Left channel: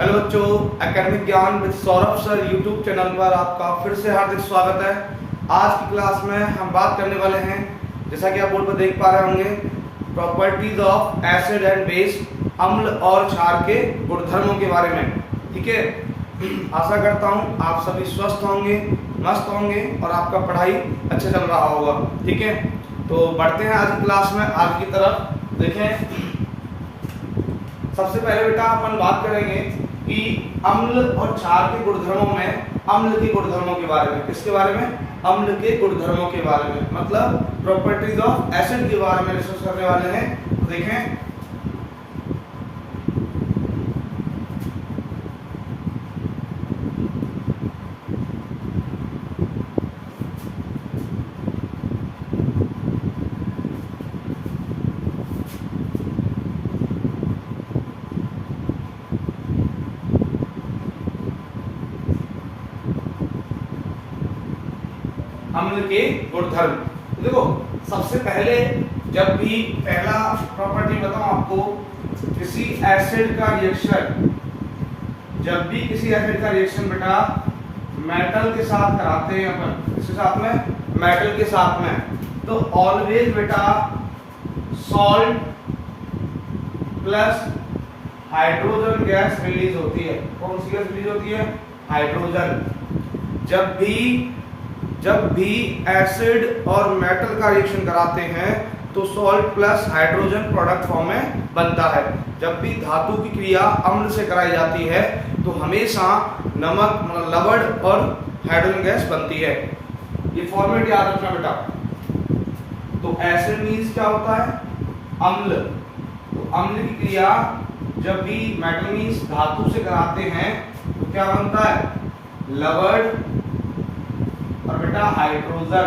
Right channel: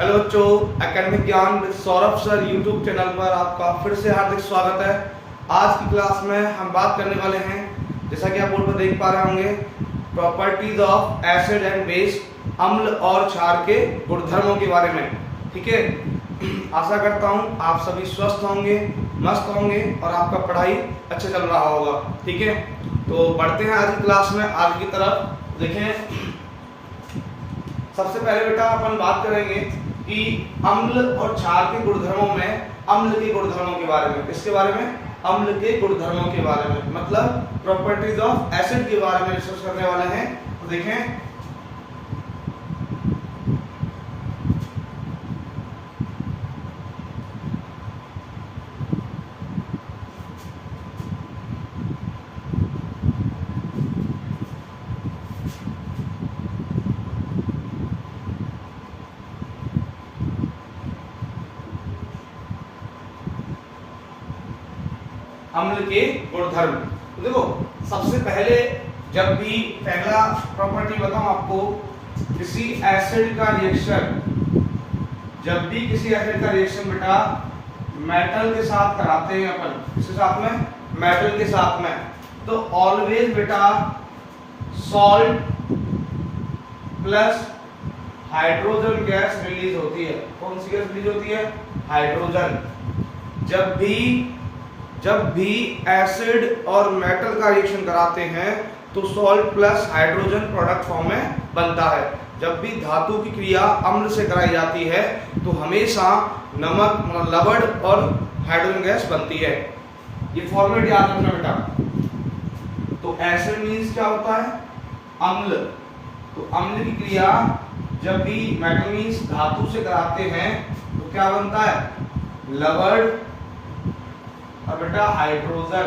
Hello बच्चों, academic ज्ञान with Saurabh sir YouTube channel पर आपका फिर से हार्दिक स्वागत है। आज की क्लास में हम बात करने वाले हैं, जैसा कि आप बोर्ड पर देख पा रहे होंगे, properties of acid and base, अम्ल और क्षार के गुणधर्मों के बारे में। ठीक है, आशा करता हूँ आप सभी स्वस्थ होंगे, मस्त होंगे और आपका पढ़ाई अच्छा चल रहा होगा। ठीक है, तो बढ़ते हैं आज की क्लास में आगे की तरफ। देखें, सबसे पहले बेटा अपन बात करेंगे कि अम्ल और क्षार के गुणधर्मों में अम्ल के गुणधर्मों के बारे में। किसके बारे में? अम्ल के गुणधर्मों के बारे में, मतलब प्रॉपर्टीज ऑफ एसिड के बारे में डिस्कस करने वाले हैं। देखें, अम्ल के गुणधर्म। तो देखो, सबसे पहले जब भी पहला प्रॉपर्टी बताऊं आपको, किसी एसिड का रिएक्शन, जब भी किसी एसिड का रिएक्शन बेटा मेटल के साथ कराते हैं अपन, किसके साथ में? मेटल के साथ में, तो ऑलवेज बेटा salt plus hydrogen gas release होती है। कौन सी गैस रिलीज होती है? हाइड्रोजन। जब भी एसिड और मेटल का रिएक्शन कराते हैं तो salt plus hydrogen product form में बनता है। जब भी धातु की क्रिया अम्ल से कराई जाती है तो हमेशा नमक मतलब लवण और हाइड्रोजन गैस बनती है। ये फॉर्मेट याद रखना बेटा। तो एसिड मींस क्या होता है? अम्ल। तो अम्ल की क्रिया जब भी मेटल मींस धातु से कराते हैं तो क्या बनता है? लवण और बेटा हाइड्रोजन।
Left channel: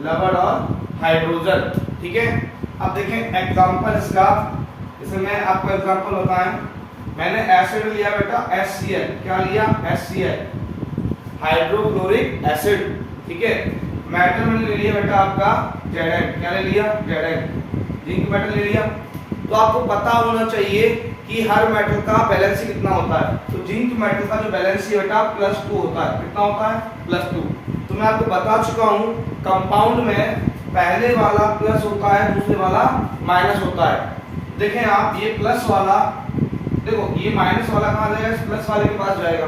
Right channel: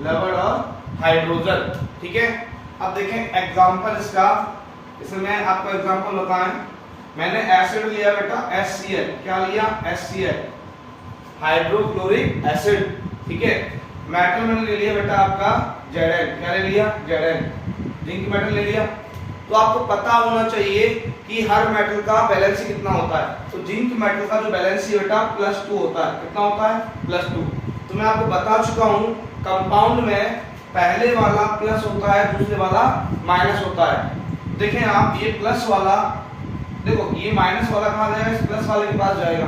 लवण और हाइड्रोजन। ठीक है, अब देखें एग्जांपल इसका। इसमें मैं आपको एग्जांपल बताएं, मैंने एसिड लिया बेटा HCl। क्या लिया? HCl, hydrochloric acid. ठीक है, मेटल मैंने ले लिया बेटा आपका Zn। क्या ले लिया? Zn। जिंक मेटल ले लिया। तो आपको पता होना चाहिए कि हर मेटल का बैलेंस कितना होता है। तो जिंक मेटल का जो बैलेंस बेटा +2 होता है। कितना होता है? +2। तो मैं आपको बता चुका हूं, कंपाउंड में पहले वाला प्लस होता है, दूसरे वाला माइनस होता है। देखें आप, ये प्लस वाला, देखो ये माइनस वाला कहां जाएगा? इस प्लस वाले के पास जाएगा।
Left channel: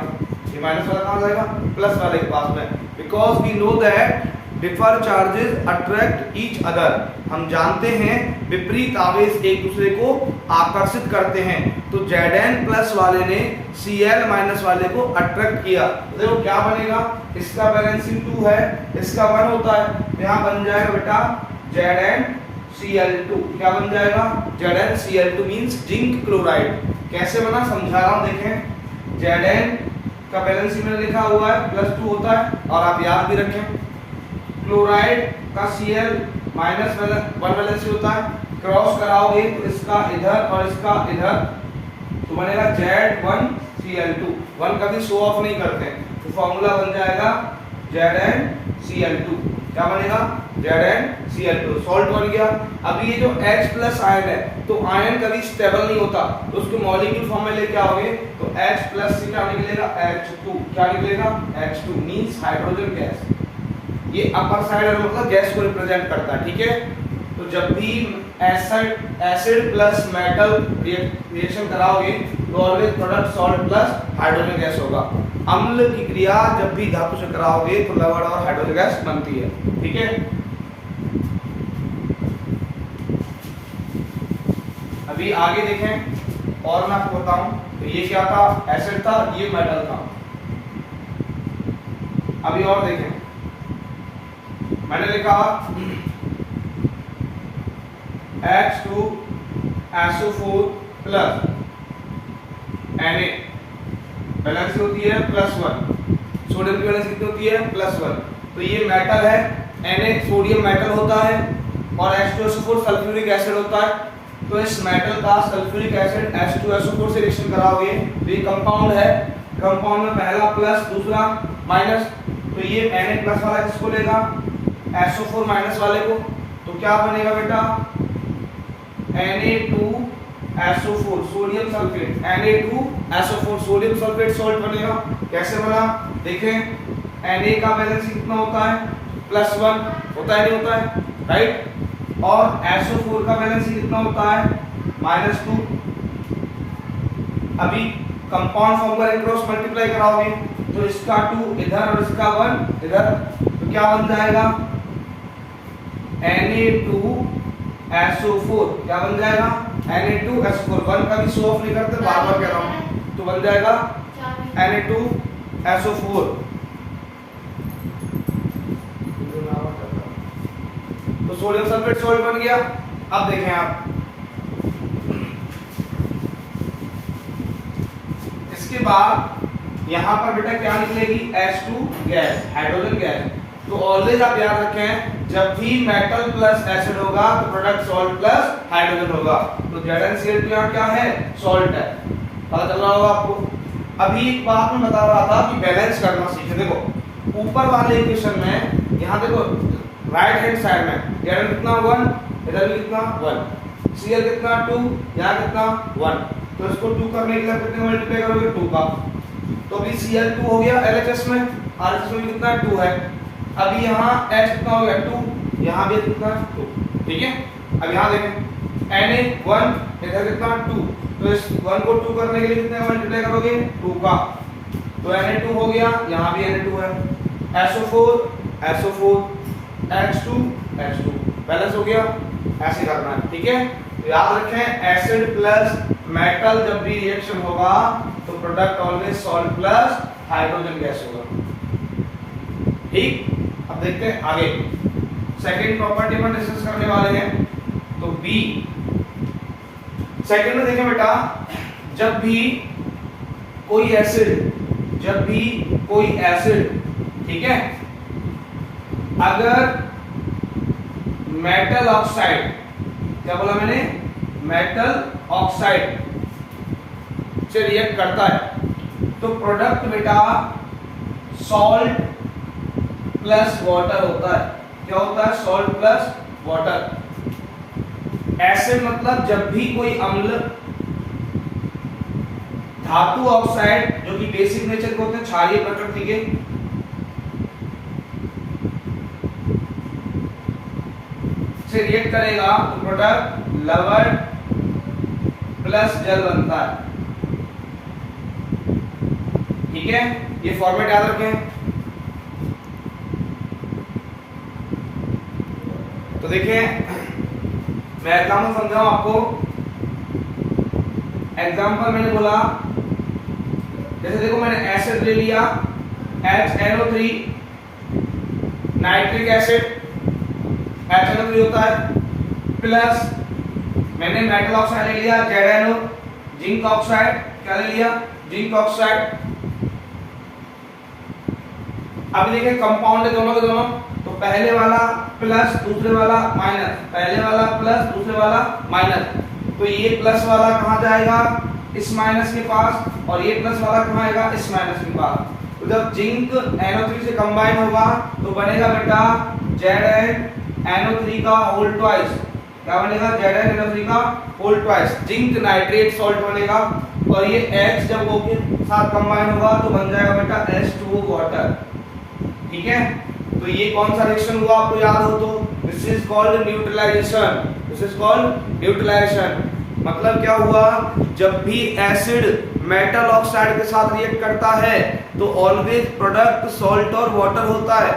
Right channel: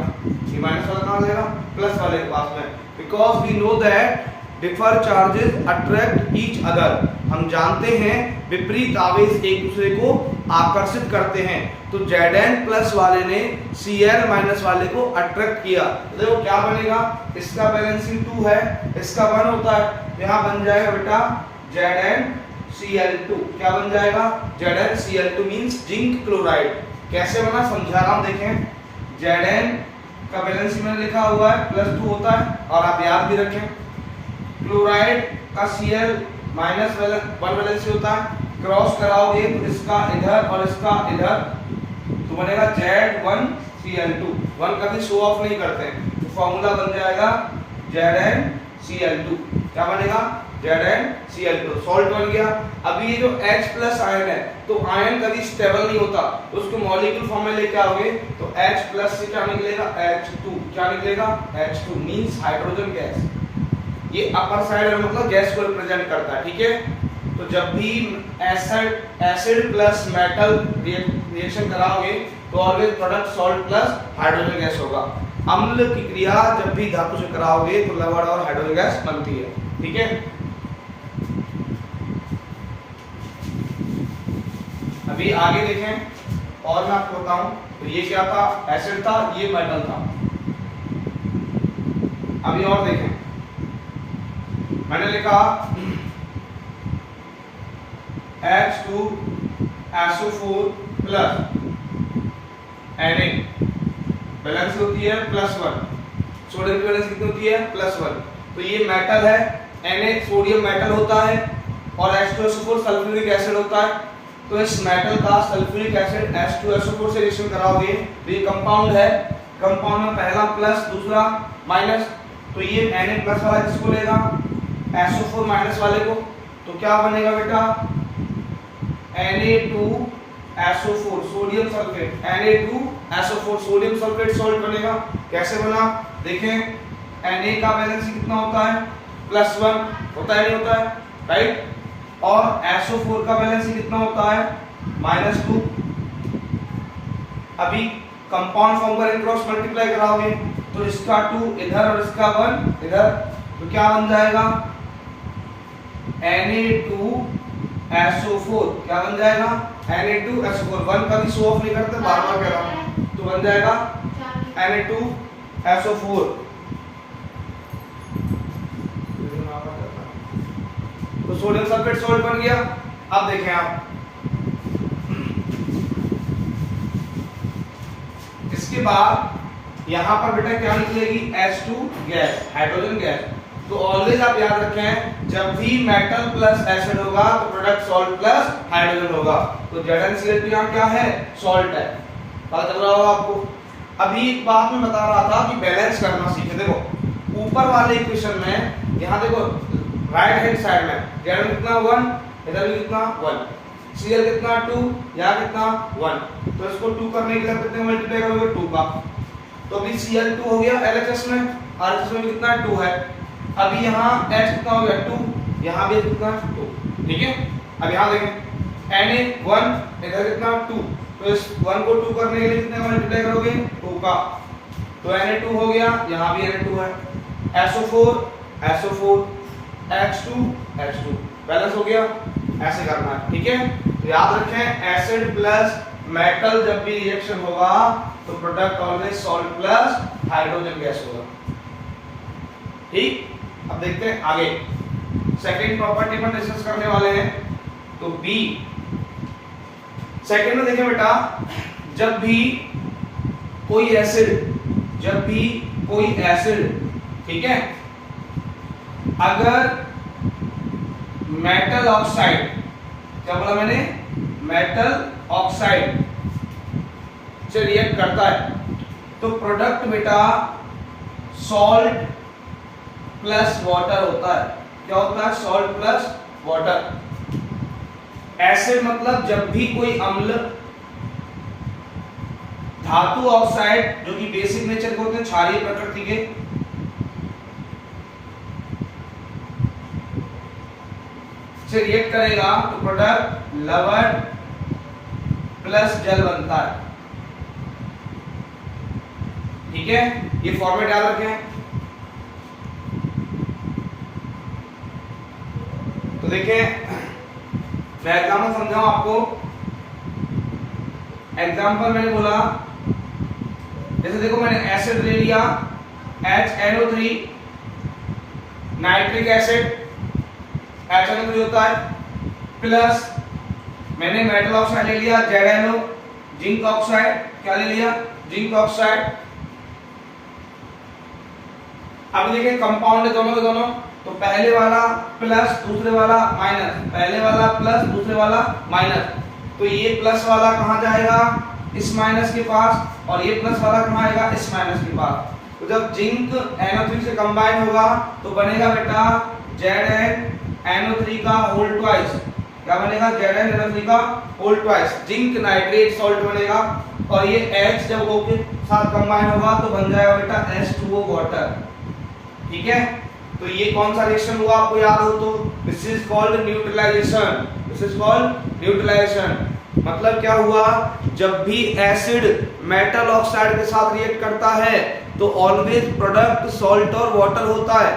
ये माइनस वाला कहां जाएगा? प्लस वाले के पास में। Because we know that differ charges attract each other. हम जानते हैं विपरीत आवेश एक दूसरे को आकर्षित करते हैं। तो Zn प्लस वाले ने Cl माइनस वाले को अट्रैक्ट किया, तो देखो क्या बनेगा? इसका बैलेंसिंग 2 है, इसका 1 होता है, तो यहाँ बन जाएगा बेटा ZnCl2। क्या बन जाएगा? ZnCl2 means zinc chloride. कैसे बना समझा रहा हूं। देखें, Zn का बैलेंसिंग मैंने लिखा हुआ है +2 होता है, और आप याद भी रखें क्लोराइड का Cl माइनस 1 बैलेंस होता है। क्रॉस कराओगे तो इसका इधर और इसका इधर, तो बनेगा Z1Cl2। 1 कभी शो ऑफ नहीं करते हैं, तो फॉर्मूला बन जाएगा ZnCl2। क्या बनेगा? ZnCl2। सॉल्ट बन गया। अभी ये जो H प्लस आयन है, तो आयन कभी स्टेबल नहीं होता, तो उसको मॉलिक्यूल फॉर्म में लेके आओगे तो H प्लस से क्या निकलेगा? H2। क्या निकलेगा? H2 means hydrogen gas. ये अपर साइड मतलब गैस को रिप्रेजेंट करता है। ठीक है, तो जब भी एसिड प्लस मेटल रिएक्शन कराओगे तो always product salt plus hydrogen gas होगा। अम्ल की क्रिया जब भी धातु से कराओगे तो लवण और हाइड्रोजन गैस बनती है। ठीक है, अभी आगे देखें और मैं आपको बताऊं, तो ये क्या था? एसिड था, ये मेटल था। अभी और देखें, मैंने लिखा H2SO4 प्लस Na, बैलेंस होती है +1। सोडियम की बैलेंस कितनी होती है? +1। तो ये मेटल है, Na सोडियम मेटल होता है, और H2SO4 सल्फ्यूरिक एसिड होता है। तो इस मेटल का सल्फ्यूरिक एसिड H2SO4 से रिएक्शन कराओगे तो ये कंपाउंड है। कंपाउंड में पहला प्लस, दूसरा माइनस, तो ये Na प्लस वाला किसको लेगा? SO4 माइनस वाले को। तो क्या बनेगा बेटा? Na2SO4 sodium sulphate, Na2SO4 sodium sulphate salt बनेगा। कैसे बना देखें, Na का वैलेंसी कितना होता है +1 होता है, नहीं होता है, राइट। और SO4 का वैलेंसी कितना होता है -2। अभी कंपाउंड फॉर्म करेंगे, क्रॉस मल्टीप्लाई कराओगे तो इसका 2 इधर और इसका 1 इधर, तो क्या बन जाएगा Na2SO4 क्या बन जाएगा Na2SO4। 1 का भी शो ऑफ नहीं करते, बार बार कह रहा हूं, तो बन जाएगा Na2SO4। तो सोडियम सल्फेट सॉल्ट बन गया। अब देखें आप, इसके बाद यहां पर बेटा क्या निकलेगी H2 गैस, हाइड्रोजन गैस। तो ऑलवेज आप याद रखें, जब भी मेटल प्लस एसिड होगा तो प्रोडक्ट सॉल्ट प्लस हाइड्रोजन होगा। तो ZnCl2 यहां क्या है, सॉल्ट है, पता चल रहा होगा आपको। अभी एक बात मैं बता रहा था कि बैलेंस करना सीखे। देखो ऊपर वाले इक्वेशन में, यहां देखो राइट हैंड साइड में Zn कितना 1, इधर भी कितना 1, Cl कितना 2, यहां कितना 1। तो इसको 2 करने के लिए कितने मल्टीप्लाई करोगे 2 का, तो अभी Cl2 हो गया LHS में, RHS में कितना 2 है। अभी यहाँ H कितना हो गया 2, यहाँ भी कितना 2, ठीक है। अब यहाँ देखें Na1 इधर कितना 2, तो इस 1 को 2 करने के लिए कितने का मल्टीप्लाई करोगे 2 का, तो Na2 हो गया, यहाँ भी Na2 है, SO4 H2 बैलेंस हो गया। ऐसे करना है, ठीक है। तो याद रखें एसिड प्लस मेटल जब भी रिएक्शन होगा तो product always salt plus hydrogen gas होगा, ठीक। अब देखते हैं आगे, सेकंड प्रॉपर्टी में डिस्कस करने वाले हैं। तो बी सेकंड में देखें बेटा, जब भी कोई एसिड, ठीक है, अगर मेटल ऑक्साइड, क्या बोला मैंने, मेटल ऑक्साइड से रिएक्ट करता है तो प्रोडक्ट बेटा सॉल्ट प्लस वाटर होता है। क्या होता है, सॉल्ट प्लस वाटर। एसिड मतलब जब भी कोई अम्ल, धातु ऑक्साइड जो कि बेसिक नेचर के होते हैं, क्षारीय प्रकृति के, से रिएक्ट करेगा तो प्रोडक्ट लवण प्लस जल बनता है, ठीक है। ये फॉर्मेट याद रखें। तो देखिए मैं एग्जाम्पल समझाऊं आपको। एग्जाम्पल मैंने बोला, जैसे देखो मैंने एसिड ले लिया HNO3, नाइट्रिक एसिड HNO3 होता है, प्लस मैंने मेटल ऑक्साइड ले लिया ZnO, जिंक ऑक्साइड, क्या ले लिया, जिंक ऑक्साइड। अभी देखिए कंपाउंड है दोनों के दोनों, तो पहले वाला प्लस दूसरे वाला माइनस, पहले वाला प्लस दूसरे वाला माइनस, तो ये प्लस वाला कहां जाएगा, इस माइनस के पास, और ये प्लस वाला कहां आएगा, इस माइनस के पास। तो जब जिंक NO3 से कंबाइन होगा तो बनेगा बेटा ZnNO3 का होल ट्वाइस। क्या बनेगा, ZnNO3 का whole twice, zinc nitrate salt बनेगा। और ये H जब O के साथ कंबाइन होगा तो बन जाएगा बेटा H2O वाटर, ठीक है। तो ये कौन सा रिएक्शन हुआ आपको याद हो तो, this is called neutralization, this is called neutralization. मतलब क्या हुआ, जब भी एसिड मेटल ऑक्साइड के साथ रिएक्ट करता है तो ऑलवेज प्रोडक्ट सॉल्ट और वाटर होता है।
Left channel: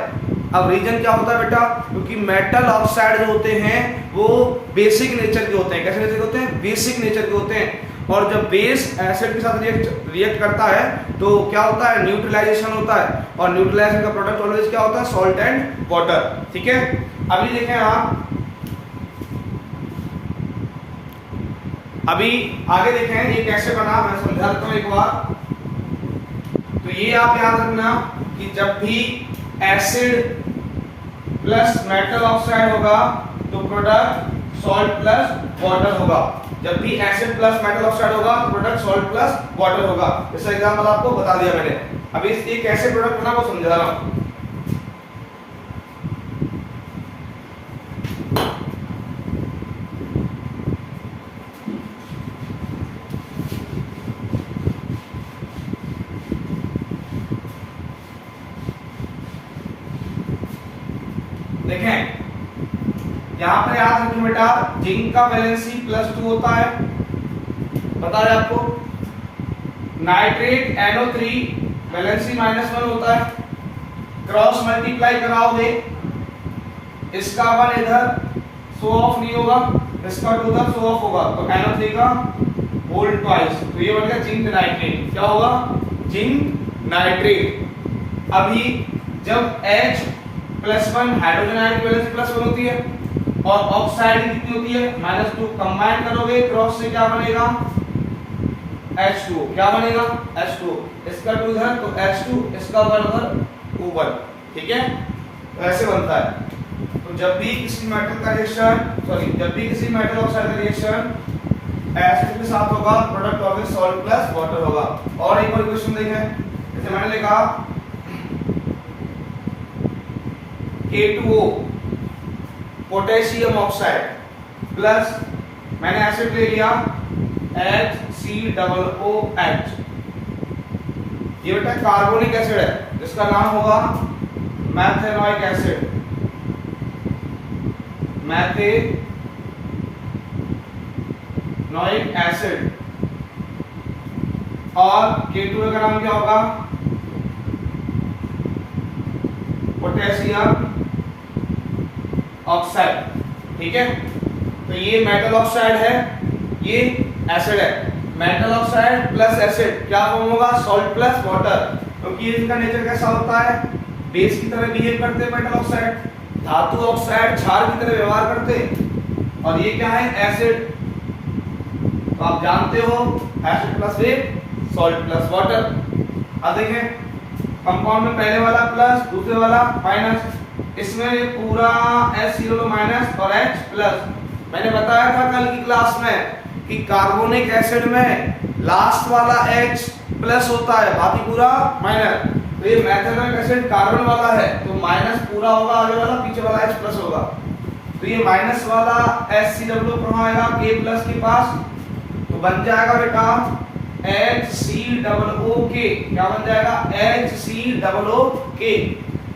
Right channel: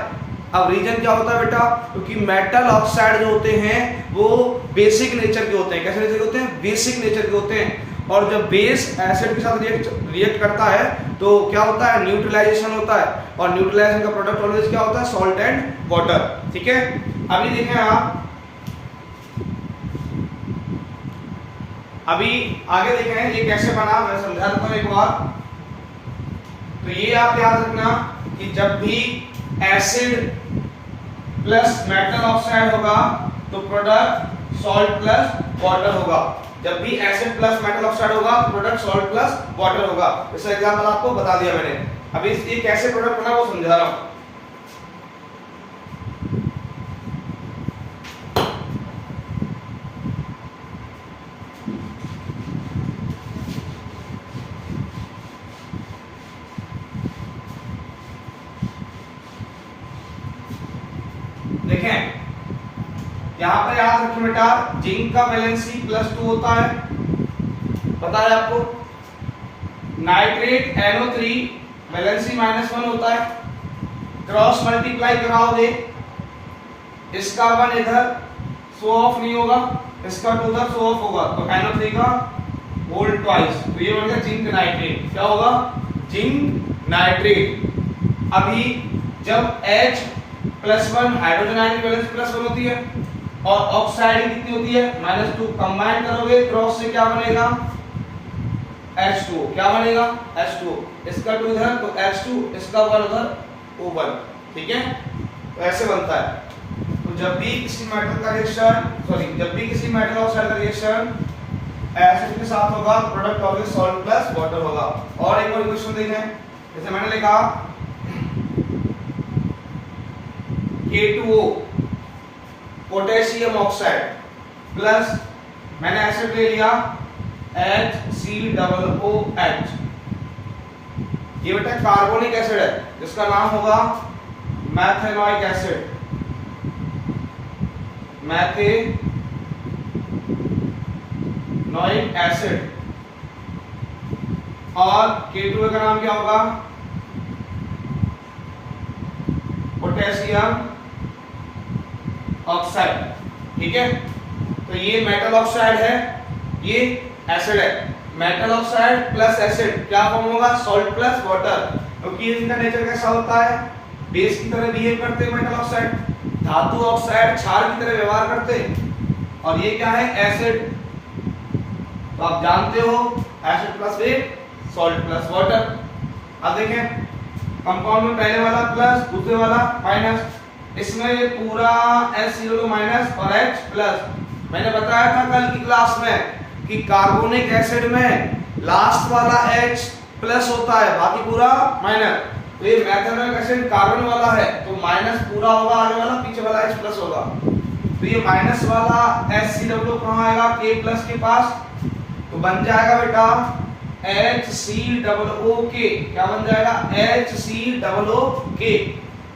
अब रीजन क्या होता है बेटा, क्योंकि मेटल ऑक्साइड जो होते हैं वो बेसिक नेचर के होते हैं। कैसे नेचर के होते हैं, बेसिक नेचर के होते हैं। और जब बेस एसिड के साथ रिएक्ट करता है तो क्या होता है, न्यूट्रलाइजेशन होता है। और न्यूट्रलाइजेशन का प्रोडक्ट ऑलवेज क्या होता है, सॉल्ट एंड वाटर, ठीक है। अभी देखें आप, अभी आगे देखें ये कैसे बना, मैं समझा देता हूं एक बार। तो ये आप याद रखना कि जब भी एसिड प्लस मेटल ऑक्साइड होगा तो प्रोडक्ट सॉल्ट प्लस वाटर होगा। जब भी एसिड प्लस मेटल ऑक्साइड होगा तो प्रोडक्ट सॉल्ट प्लस वाटर होगा। इसका एग्जांपल आपको बता दिया मैंने। अभी ये कैसे प्रोडक्ट बना वो समझा रहा हूं। देखें यहाँ पर याद रखें बेटा, जिंक का वैलेंसी +2 होता है, पता है आपको। नाइट्रेट NO3 वैलेंसी -1 होता है। क्रॉस मल्टीप्लाई कराओगे, इसका 1 इधर शो ऑफ नहीं होगा, इसका 2 उधर शो ऑफ होगा, तो NO3 का होल ट्वाइस, तो ये बन गया जिंक नाइट्रेट। क्या होगा? Zinc nitrate. अभी जब H+1 हाइड्रोजन आयन की वैलेंसी +1 होती है और ऑक्साइड कितनी होती है? -2। कंबाइन करोगे क्रॉस से क्या बनेगा? H2O। क्या बनेगा? H2O। इसका 2 इधर तो H2, इसका 1 उधर तो 1। ठीक है, तो ऐसे बनता है। तो जब भी किसी मेटल का रिएक्शन, जब भी किसी मेटल ऑक्साइड का रिएक्शन एसिड के साथ होगा, product always salt plus water होगा। और एक और क्वेश्चन देखें, जैसे मैंने लिखा K2O पोटेशियम ऑक्साइड प्लस मैंने एसिड ले लिया HCOOH, ये बेटा कार्बोनिक एसिड है जिसका नाम होगा मैथेनोइक एसिड, मैथेनोइक एसिड। और K2O का नाम क्या होगा? Potassium oxide. ठीक है, तो ये मेटल ऑक्साइड है, ये एसिड है। मेटल ऑक्साइड प्लस एसिड क्या फॉर्म होगा? Salt plus water. क्योंकि इनका नेचर कैसा होता है? बेस की तरह बिहेव करते हैं मेटल ऑक्साइड, धातु ऑक्साइड क्षार की तरह व्यवहार करते हैं, और ये क्या है? एसिड। तो आप जानते हो acid plus base salt plus water. अब देखें कंपाउंड में पहले वाला प्लस, दूसरे वाला माइनस, इसमें ये पूरा H0 माइनस और H प्लस। मैंने बताया था कल की क्लास में कि कार्बोनिक एसिड में लास्ट वाला H प्लस होता है, बाकी पूरा माइनस। तो ये मैथेनोइक एसिड कार्बन वाला है, तो माइनस पूरा होगा आगे वाला, पीछे वाला H प्लस होगा। तो ये माइनस वाला HCOO कहाँ आएगा? K प्लस के पास, तो बन जाएगा बेटा HCOOK। क्या बन जाएगा? HCOOK।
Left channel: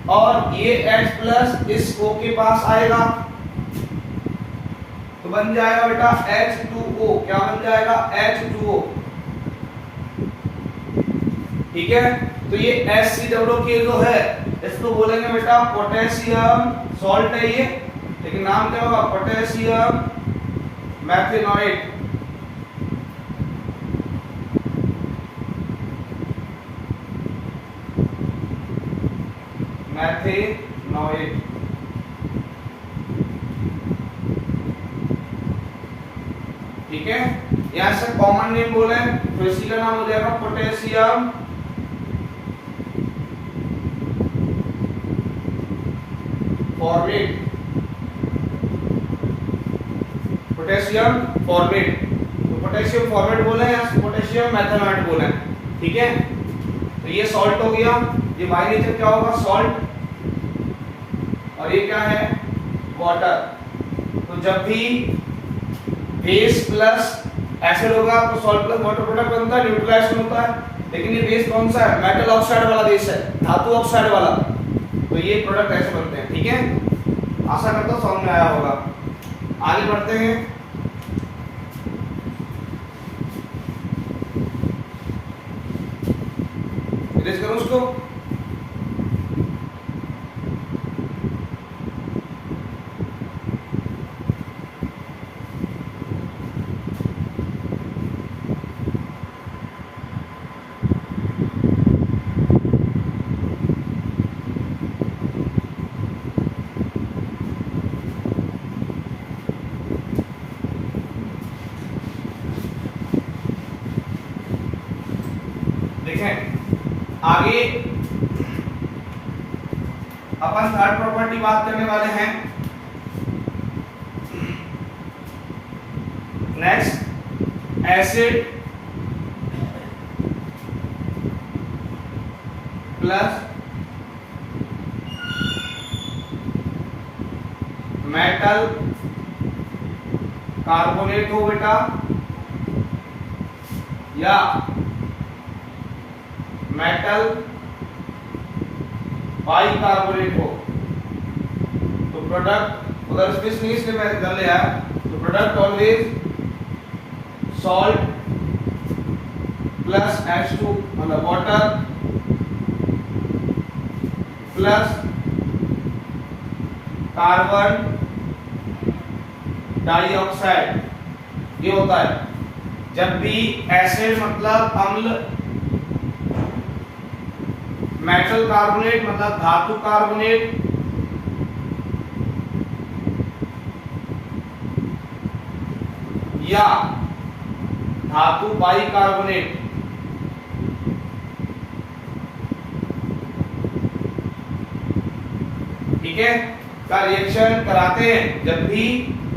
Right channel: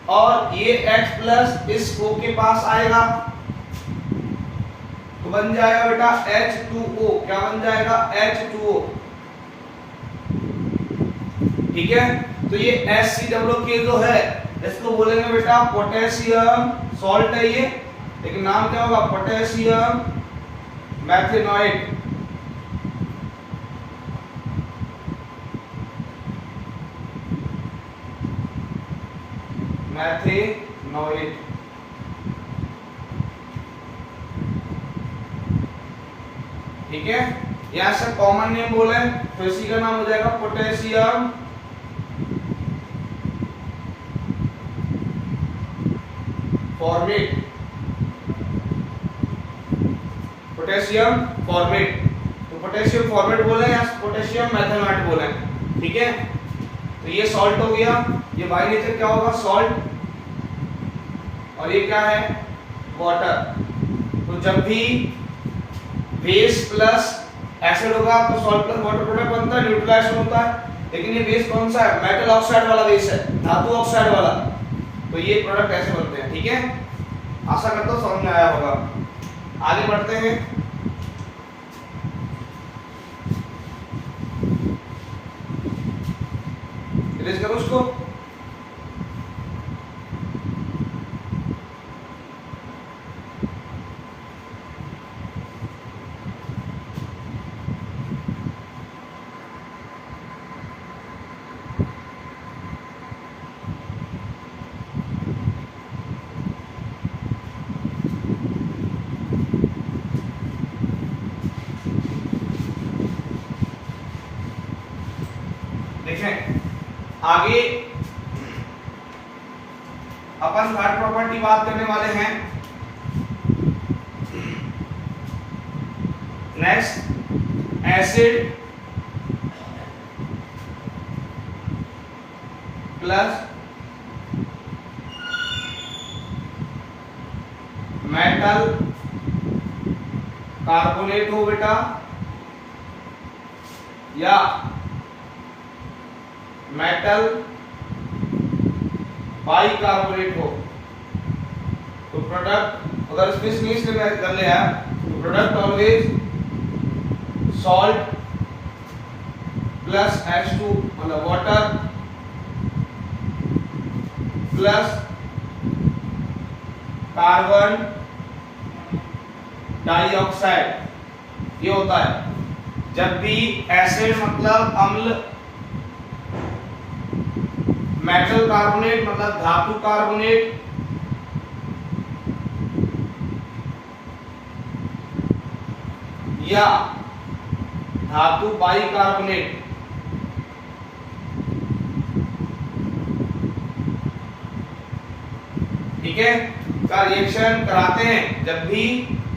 और ये H प्लस इस O के पास आएगा तो बन जाएगा बेटा H2O। क्या बन जाएगा? H2O। ठीक है, तो ये HCOOK जो है इसको बोलेंगे बेटा पोटेशियम सॉल्ट है ये, लेकिन नाम क्या होगा? पोटेशियम मैथेनोइट। मैथेनोइट। ठीक है, यहां से कॉमन नेम बोले तो इसी का नाम हो जाएगा पोटेशियम फॉर्मेट। पोटेशियम फॉर्मेट, तो पोटेशियम फॉर्मेट बोले या पोटेशियम मैथेनोइट बोले। ठीक है, तो ये सॉल्ट हो गया, ये बाय नेचर क्या होगा? सॉल्ट, और ये क्या है? वाटर। तो जब भी बेस प्लस एसिड होगा तो सॉल्ट प्लस वाटर प्रोडक्ट बनता है, न्यूट्रलाइजेशन होता है। लेकिन ये बेस कौन सा है? मेटल ऑक्साइड वाला बेस है, धातु ऑक्साइड वाला। तो ये प्रोडक्ट ऐसे बनते हैं। ठीक है, आशा करता हूं समझ में आया होगा। आगे बढ़ते हैं। इरेज करो उसको। आगे अपन थर्ड प्रॉपर्टी बात करने वाले हैं। Next acid plus metal carbonate हो बेटा, या मेटल बाइकार्बोनेट हो, तो प्रोडक्ट अगर स्पेस नहीं इसलिए मैं कर लिया तो product always salt plus H2 मतलब वाटर प्लस कार्बन डाइऑक्साइड, ये होता है। जब भी एसिड मतलब अम्ल, मेटल कार्बोनेट मतलब धातु कार्बोनेट, या धातु बाइकार्बोनेट, ठीक है, का रिएक्शन कराते हैं। जब भी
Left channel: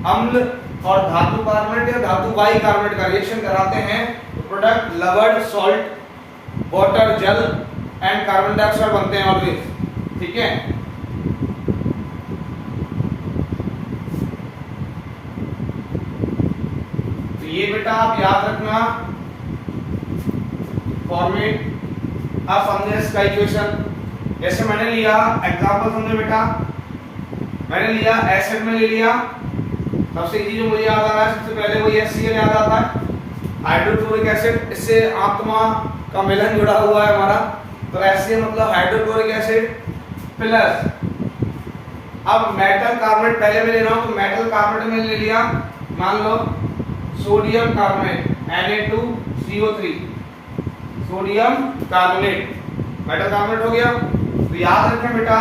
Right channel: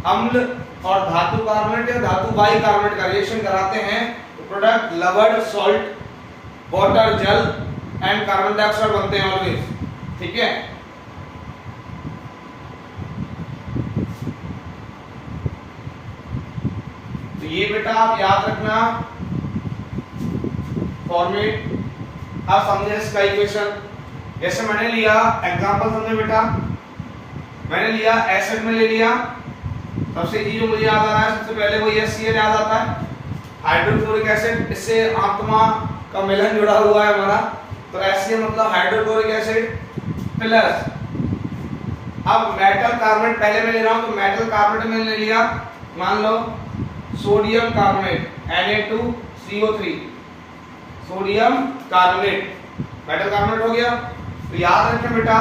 अम्ल और धातु कार्बोनेट या धातु बाइकार्बोनेट का रिएक्शन कराते हैं तो प्रोडक्ट लवण, सॉल्ट, वाटर, जल एंड कार्बन डाइऑक्साइड बनते हैं ऑलवेज, ठीक है। तो ये बेटा आप याद रखना फॉर्मेट। आप समझे इसका इक्वेशन, जैसे मैंने लिया एग्जांपल, समझे बेटा, मैंने लिया एसिड में ले लिया, सबसे इजी जो मुझे याद आ रहा है सबसे पहले वो HCl याद आता है, हाइड्रोक्लोरिक एसिड, इससे आत्मा का मिलन जुड़ा हुआ है हमारा, तो HCl मतलब हाइड्रोक्लोरिक एसिड प्लस, अब मेटल कार्बोनेट पहले मैं ले रहा हूं तो मेटल कार्बोनेट में ले लिया, मान लो sodium carbonate Na2CO3, sodium carbonate metal carbonate हो गया। तो याद रखें बेटा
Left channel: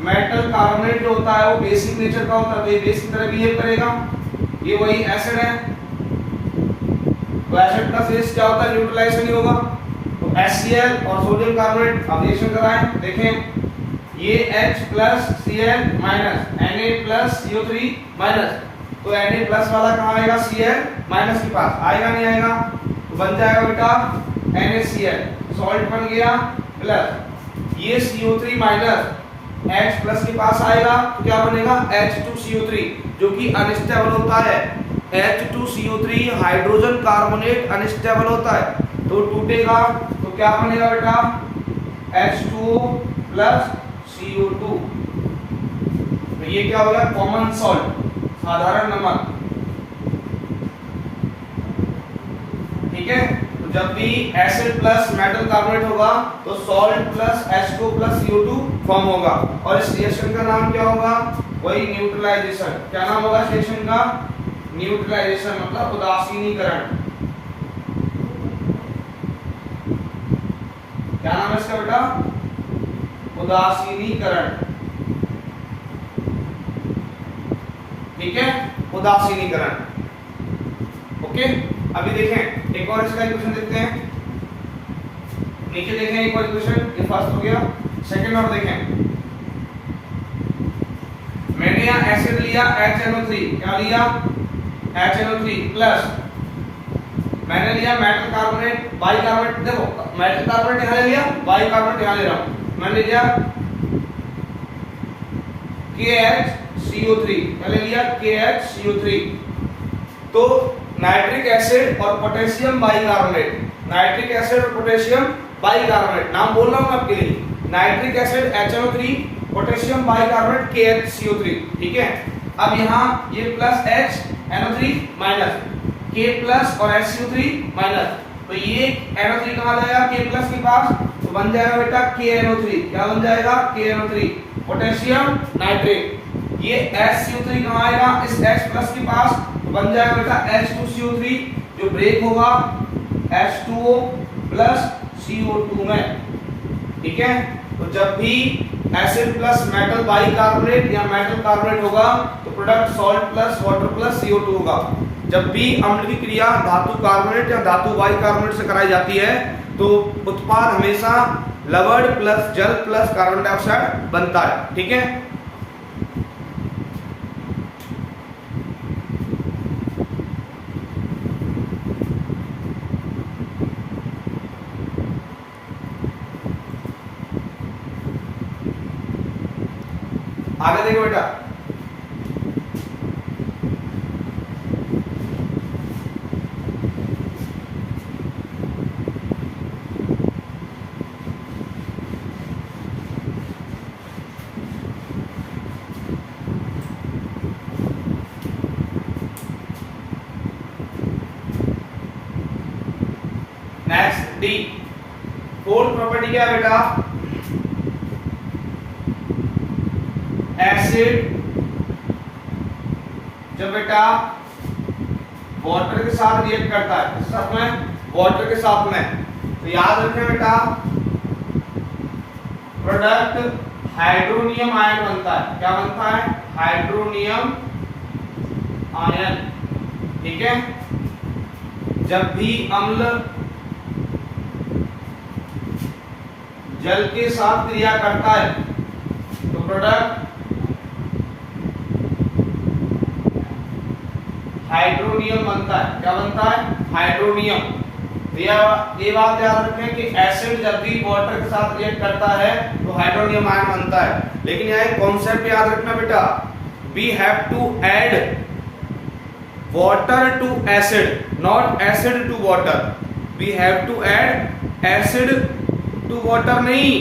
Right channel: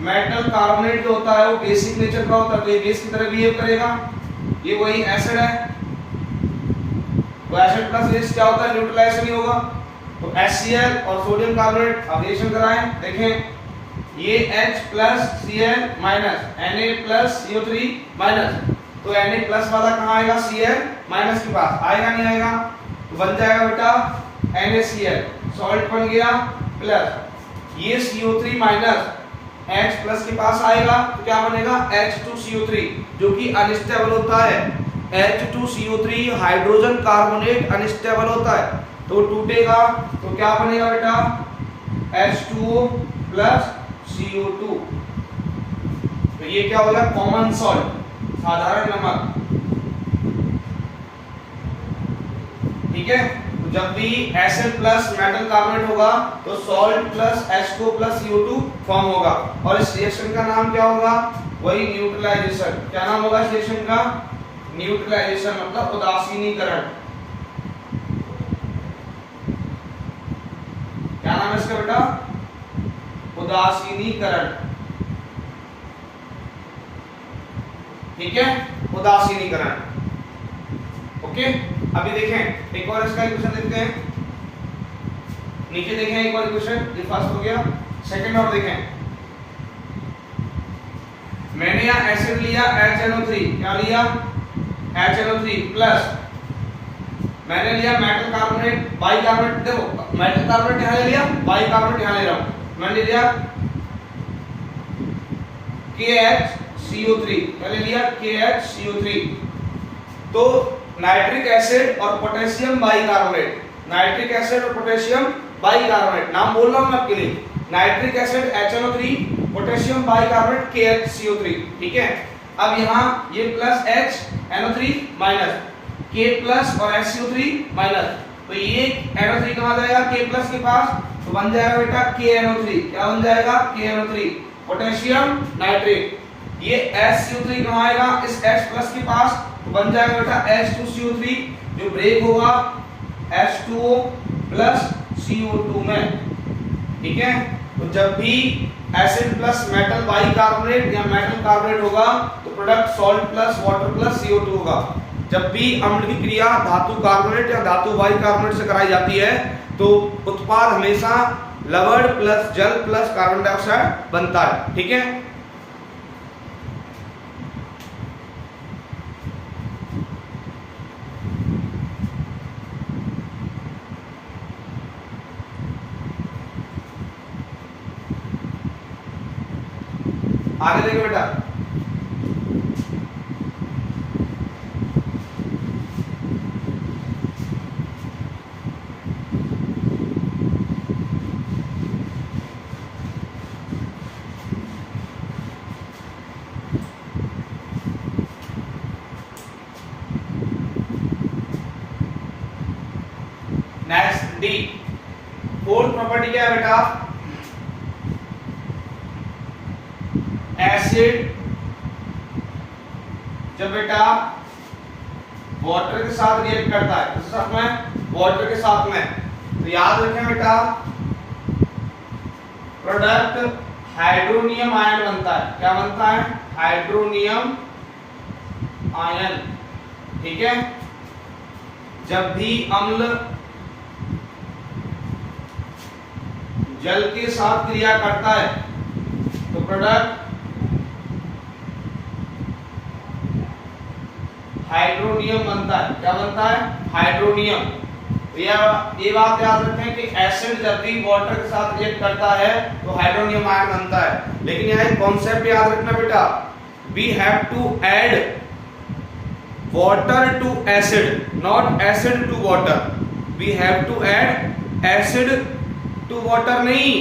मेटल कार्बोनेट जो होता है वो बेसिक नेचर का होता है, तो ये बेस की तरह बिहेव करेगा, ये वही एसिड है, तो एसिड प्लस बेस क्या होता है, न्यूट्रलाइजेशन ही होगा। तो HCl और सोडियम कार्बोनेट अब रिएक्शन कराएं, देखें ये H plus Cl minus Na plus CO3 minus, तो Na प्लस वाला कहाँ आएगा, Cl माइनस के पास आएगा, नहीं आएगा, तो बन जाएगा बेटा NaCl, सॉल्ट बन गया, प्लस ये CO3 माइनस H प्लस के पास आएगा तो क्या बनेगा H2CO3 जो कि अनस्टेबल होता है। H2CO3 हाइड्रोजन कार्बोनेट अनस्टेबल होता है तो टूटेगा, तो क्या बनेगा बेटा H2O प्लस CO2, तो ये क्या हो गया कॉमन सॉल्ट, साधारण नमक, ठीक है। तो जब भी एसिड प्लस मेटल कार्बोनेट होगा तो salt plus H2O plus CO2 form होगा, और इस रिएक्शन का नाम क्या होगा, वही न्यूट्रलाइजेशन। क्या नाम होगा इस रिएक्शन का, न्यूट्रलाइजेशन मतलब उदासीनीकरण। क्या नाम है इसका बेटा, उदासीनीकरण, ठीक है, उदासीनीकरण, ओके। अभी देखें एक और इसका इक्वेशन देखते हैं, नीचे देखें एक और इक्वेशन, ये फर्स्ट हो गया, सेकंड और देखें, मैंने यहाँ एसिड लिया HNO3, क्या लिया HNO3 प्लस, मैंने लिया मेटल कार्बोनेट, बाइकार्बोनेट, देखो मेटल कार्बोनेट यहाँ ले लिया, बाइकार्बोनेट यहाँ ले रहा हूँ, मैंने लिया KHCO3, मैंने लिया KHCO3, तो नाइट्रिक एसिड और पोटेशियम बाइकार्बोनेट, नाइट्रिक एसिड और पोटेशियम बाइकार्बोनेट, नाम बोल रहा हूं मैं आपके लिए, nitric acid HNO3, potassium bicarbonate KHCO3, ठीक है। अब यहाँ ये plus HNO3 minus K plus और HCO3 माइनस, तो ये NO3 कहाँ जाएगा K प्लस के पास, तो बन जाएगा बेटा KNO3, क्या बन जाएगा KNO3, पोटेशियम नाइट्रेट, ये HCO3 कहाँ आएगा इस H प्लस के पास, तो बन जाएगा बेटा H2CO3 जो ब्रेक होगा H2O प्लस CO2 में, ठीक है। तो जब भी एसिड प्लस मेटल बाइकार्बोनेट या मेटल कार्बोनेट होगा तो product salt plus water plus CO2 होगा। जब भी अम्ल की क्रिया धातु कार्बोनेट या धातु बाइकार्बोनेट से कराई जाती है तो उत्पाद हमेशा लवण प्लस जल प्लस कार्बन डाइऑक्साइड बनता है, ठीक है। आगे देखिए बेटा, डी। फोर्थ प्रॉपर्टी क्या है बेटा, एसिड जब बेटा वाटर के साथ रिएक्ट करता है, किसके साथ में, वाटर के साथ में, तो याद रखें बेटा प्रोडक्ट हाइड्रोनियम आयन बनता है। क्या बनता है, हाइड्रोनियम आयन। ठीक है, जब भी अम्ल जल के साथ क्रिया करता है तो प्रोडक्ट हाइड्रोनियम बनता है। क्या बनता है, हाइड्रोनियम। तो ये बात याद रखें कि एसिड जब भी वाटर के साथ रिएक्ट करता है तो हाइड्रोनियम आयन बनता है। लेकिन यहाँ एक कॉन्सेप्ट याद रखना बेटा, we have to add water to acid, not acid to water. We have to add acid to water, नहीं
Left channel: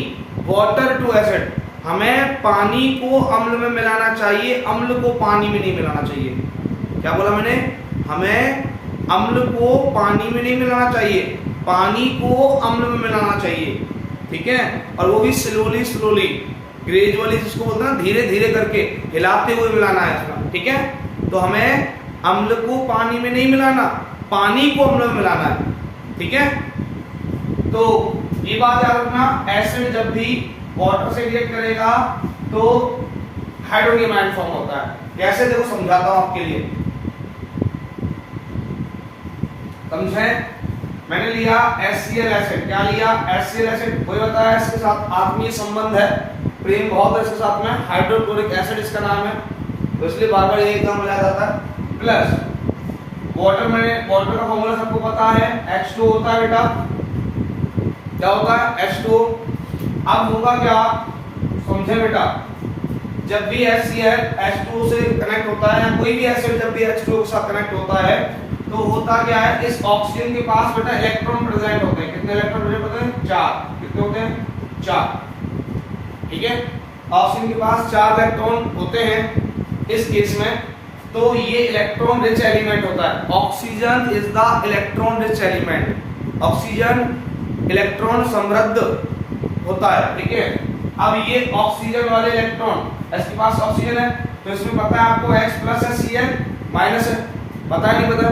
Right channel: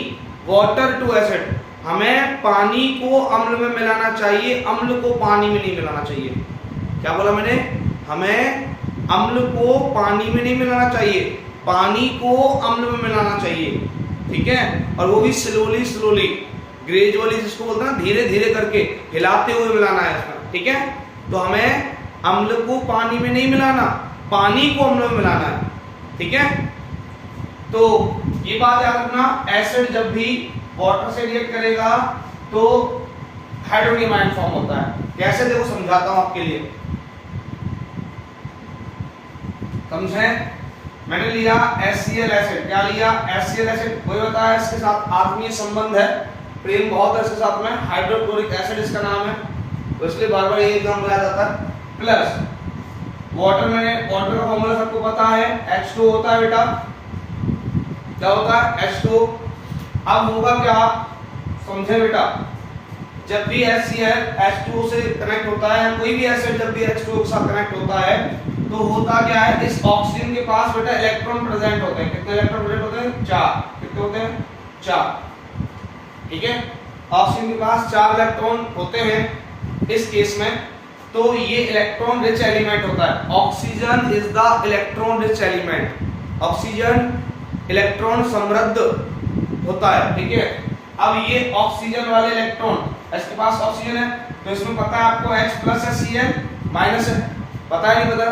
वाटर टू एसिड। हमें पानी को अम्ल में मिलाना चाहिए, अम्ल को पानी में नहीं मिलाना चाहिए। क्या बोला मैंने, हमें अम्ल को पानी में नहीं मिलाना चाहिए, पानी को अम्ल में मिलाना चाहिए। ठीक है, और वो भी स्लोली स्लोली, ग्रेजुअली, जिसको बोलते हैं धीरे धीरे करके, हिलाते हुए मिलाना है इसमें। ठीक है, तो हमें अम्ल को पानी में नहीं मिलाना, पानी को अम्ल में मिलाना है। ठीक है, तो ये बात याद रखना, एसिड जब भी वाटर से रिएक्ट करेगा तो हाइड्रोनियम आयन फॉर्म होता है। कैसे, देखो समझाता हूं आपके लिए, समझे। मैंने लिया HCl एसिड, क्या लिया, HCl एसिड, कोई बताया इसके साथ आत्मीय संबंध है, प्रेम बहुत है इसके साथ में, हाइड्रोक्लोरिक एसिड इसका नाम है, तो इसलिए बार बार ये एग्जाम में आ जाता है। प्लस वाटर, मैंने वाटर का फॉर्मूला सबको पता है, H2 होता है बेटा। क्या होता है, H2। अब होगा क्या, समझे बेटा, जब भी HCl H2 से कनेक्ट होता है, या कोई भी एसिड जब भी H2 के साथ कनेक्ट होता है तो होता क्या है, इस ऑक्सीजन के पास बेटा इलेक्ट्रॉन प्रेजेंट होते हैं। कितने इलेक्ट्रॉन प्रेजेंट होते हैं, 4। कितने होते हैं, 4। ठीक है, ऑक्सीजन के पास 4 इलेक्ट्रॉन होते हैं इस केस में। तो ये इलेक्ट्रॉन रिच एलिमेंट होता है। Oxygen is the electron rich element, oxygen electron समृद्ध होता है। ठीक है, अब ये ऑक्सीजन वाले इलेक्ट्रॉन, इसके पास ऑक्सीजन है तो इसमें पता है आपको H प्लस है, Cl माइनस है, पता है नहीं पता,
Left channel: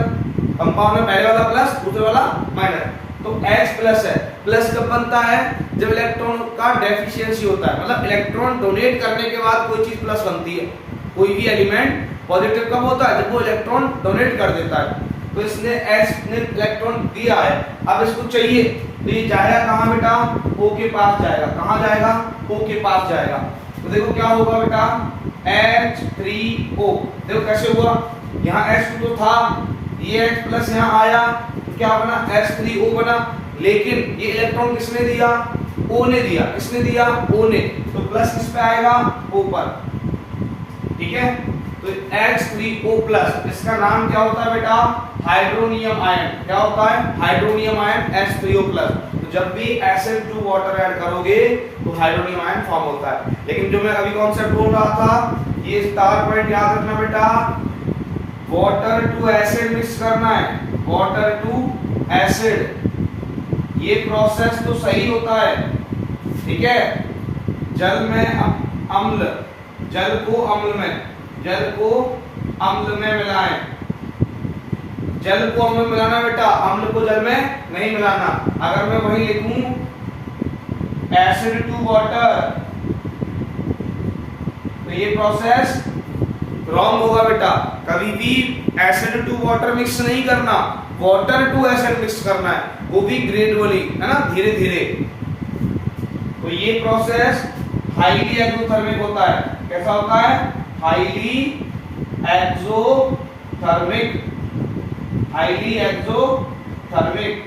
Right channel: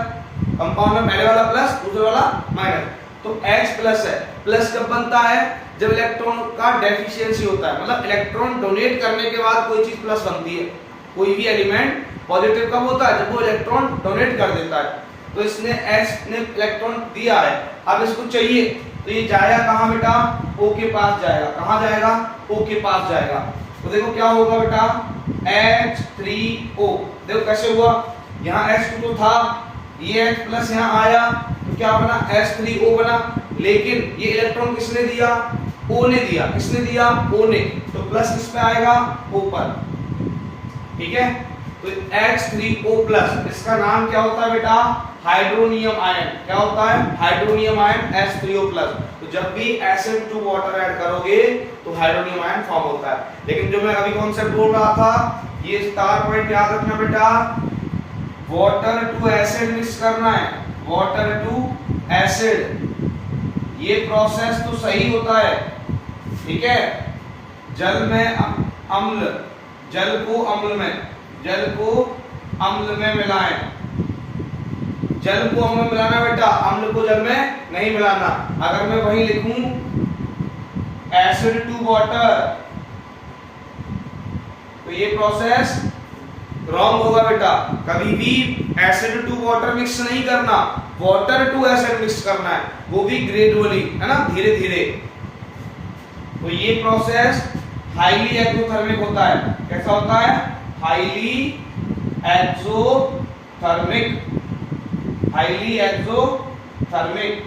कंपाउंड में पहले वाला प्लस दूसरे वाला माइनस, तो H प्लस है। प्लस कब बनता है, जब इलेक्ट्रॉन का डेफिशिएंसी होता है, मतलब इलेक्ट्रॉन डोनेट करने के बाद कोई चीज प्लस बनती है। कोई भी एलिमेंट पॉजिटिव कब होता है, जब वो इलेक्ट्रॉन डोनेट कर देता है। तो इसने H ने इलेक्ट्रॉन दिया है, अब इसको चाहिए तो ये जाएगा कहां बेटा, O के पास जाएगा। कहां जाएगा, O के पास जाएगा। तो देखो क्या होगा बेटा, H3O। देखो कैसे हुआ, यहाँ H2 तो था, ये H प्लस यहाँ आया तो क्या बना, H3O बना। लेकिन ये इलेक्ट्रॉन किसने दिया, O ने दिया। किसने दिया, O ने, तो प्लस किस पे आएगा, O पर। ठीक है, तो H3O प्लस, इसका नाम क्या होता है बेटा, हाइड्रोनियम आयन। क्या होता है, हाइड्रोनियम आयन H3O प्लस। तो जब भी एसिड टू वाटर ऐड करोगे तो हाइड्रोनियम आयन फॉर्म होता है। लेकिन जो मैं अभी कॉन्सेप्ट बोल रहा था, ये स्टार पॉइंट याद रखना बेटा, वाटर टू एसिड मिक्स करना है, वाटर टू एसिड। ये प्रोसेस तो सही होता है। ठीक है, जल में अम्ल, जल को अम्ल में, जल को अम्ल में मिलाएं। जल को अम्ल में मिलाना बेटा, अम्ल को जल में नहीं मिलाना। अगर मैं वही लिखूं एसिड टू वाटर तो ये प्रोसेस रॉन्ग होगा बेटा। कभी भी एसिड टू वाटर मिक्स नहीं करना, वाटर टू एसिड मिक्स करना है, वो भी ग्रेजुअली, है ना, धीरे धीरे। तो ये प्रोसेस हाईली एक्सोथर्मिक होता है। कैसा होता है, हाईली एक्सोथर्मिक, हाईली एक्सोथर्मिक,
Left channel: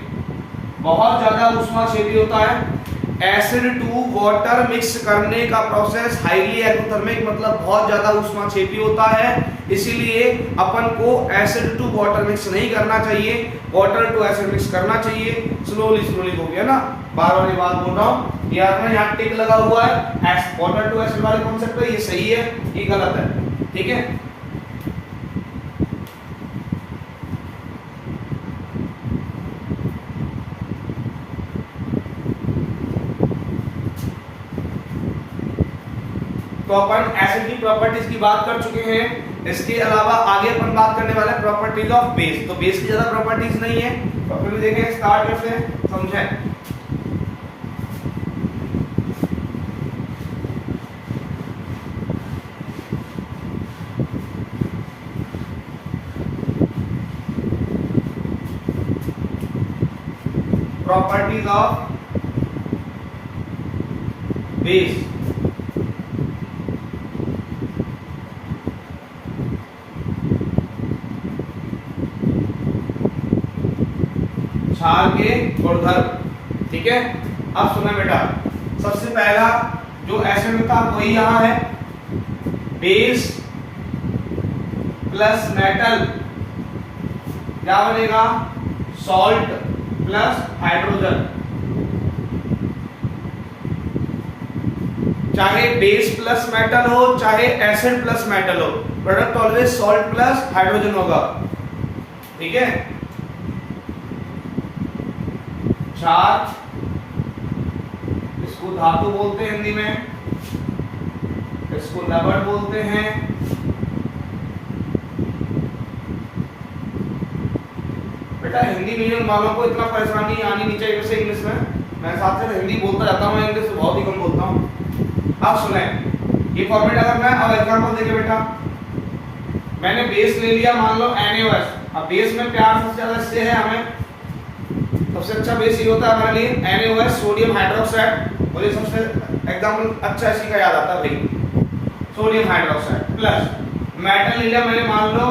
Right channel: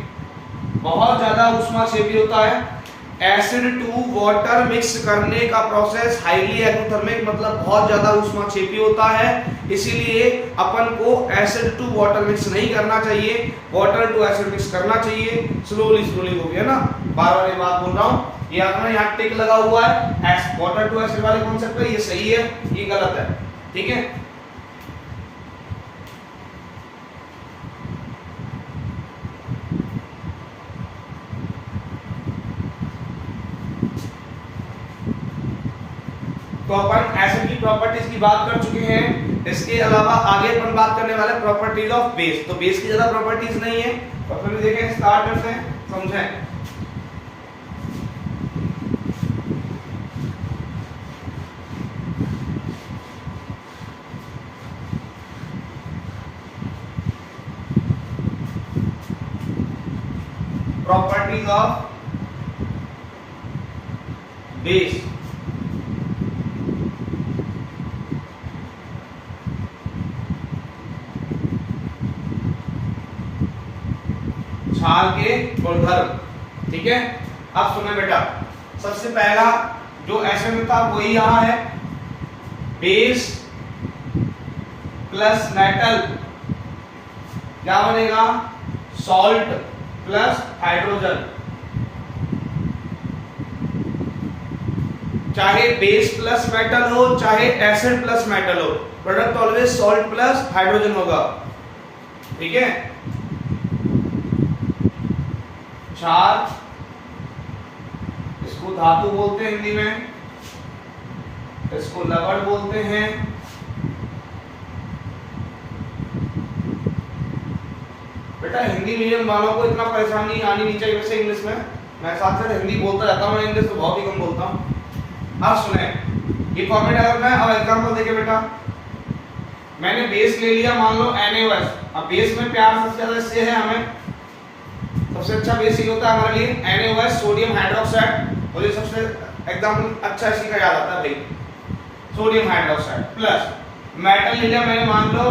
बहुत ज्यादा ऊष्माक्षेपी होता है। एसिड टू वाटर मिक्स करने का प्रोसेस हाईली एक्सोथर्मिक, मतलब बहुत ज्यादा ऊष्माक्षेपी होता है। इसीलिए अपन को एसिड टू वाटर मिक्स नहीं करना चाहिए, वाटर टू एसिड मिक्स करना चाहिए। स्लोली स्लोली हो गया ना, बार बार ये बात बोल रहा हूँ। ये आपने यहाँ टिक लगा हुआ है, वाटर टू एसिड वाले कॉन्सेप्ट पे, ये सही है, ये गलत है। ठीक है, तो अपन एसिड की प्रॉपर्टीज की बात कर चुके हैं। इसके अलावा आगे अपन बात करने वाला है प्रॉपर्टीज ऑफ बेस। तो बेस की ज्यादा प्रॉपर्टीज नहीं है, तो अपन भी देखें, स्टार्ट करते हैं, समझें। Properties of base. क्षार के गुणधर्म, ठीक है। अब सुना बेटा, सबसे पहला जो एसिड था वही यहां है, बेस प्लस मेटल क्या बनेगा, सॉल्ट प्लस हाइड्रोजन। चाहे बेस प्लस मेटल हो चाहे एसिड प्लस मेटल हो, product always salt plus hydrogen होगा, ठीक है। क्षार, इसको धातु बोलते हैं हिंदी में, इसको लवण बोलते हैं। बेटा हिंदी मीडियम वालों को इतना परेशानी आनी नहीं चाहिए वैसे इंग्लिश में, मैं साथ साथ हिंदी बोलता जाता हूँ, इंग्लिश तो बहुत ही कम बोलता हूँ। अब सुने ये फॉर्मेट, अगर मैं अब एग्जांपल देखे बेटा, मैंने बेस ले लिया मान लो NaOH। अब बेस में प्यार सबसे ज्यादा इससे है, हमें सबसे अच्छा बेस ये होता है हमारे लिए NaOH, सोडियम हाइड्रोक्साइड। और ये सबसे एग्जांपल अच्छा इसी का याद आता है भाई, सोडियम हाइड्रोक्साइड प्लस मेटल ले लिया मैंने, मान लो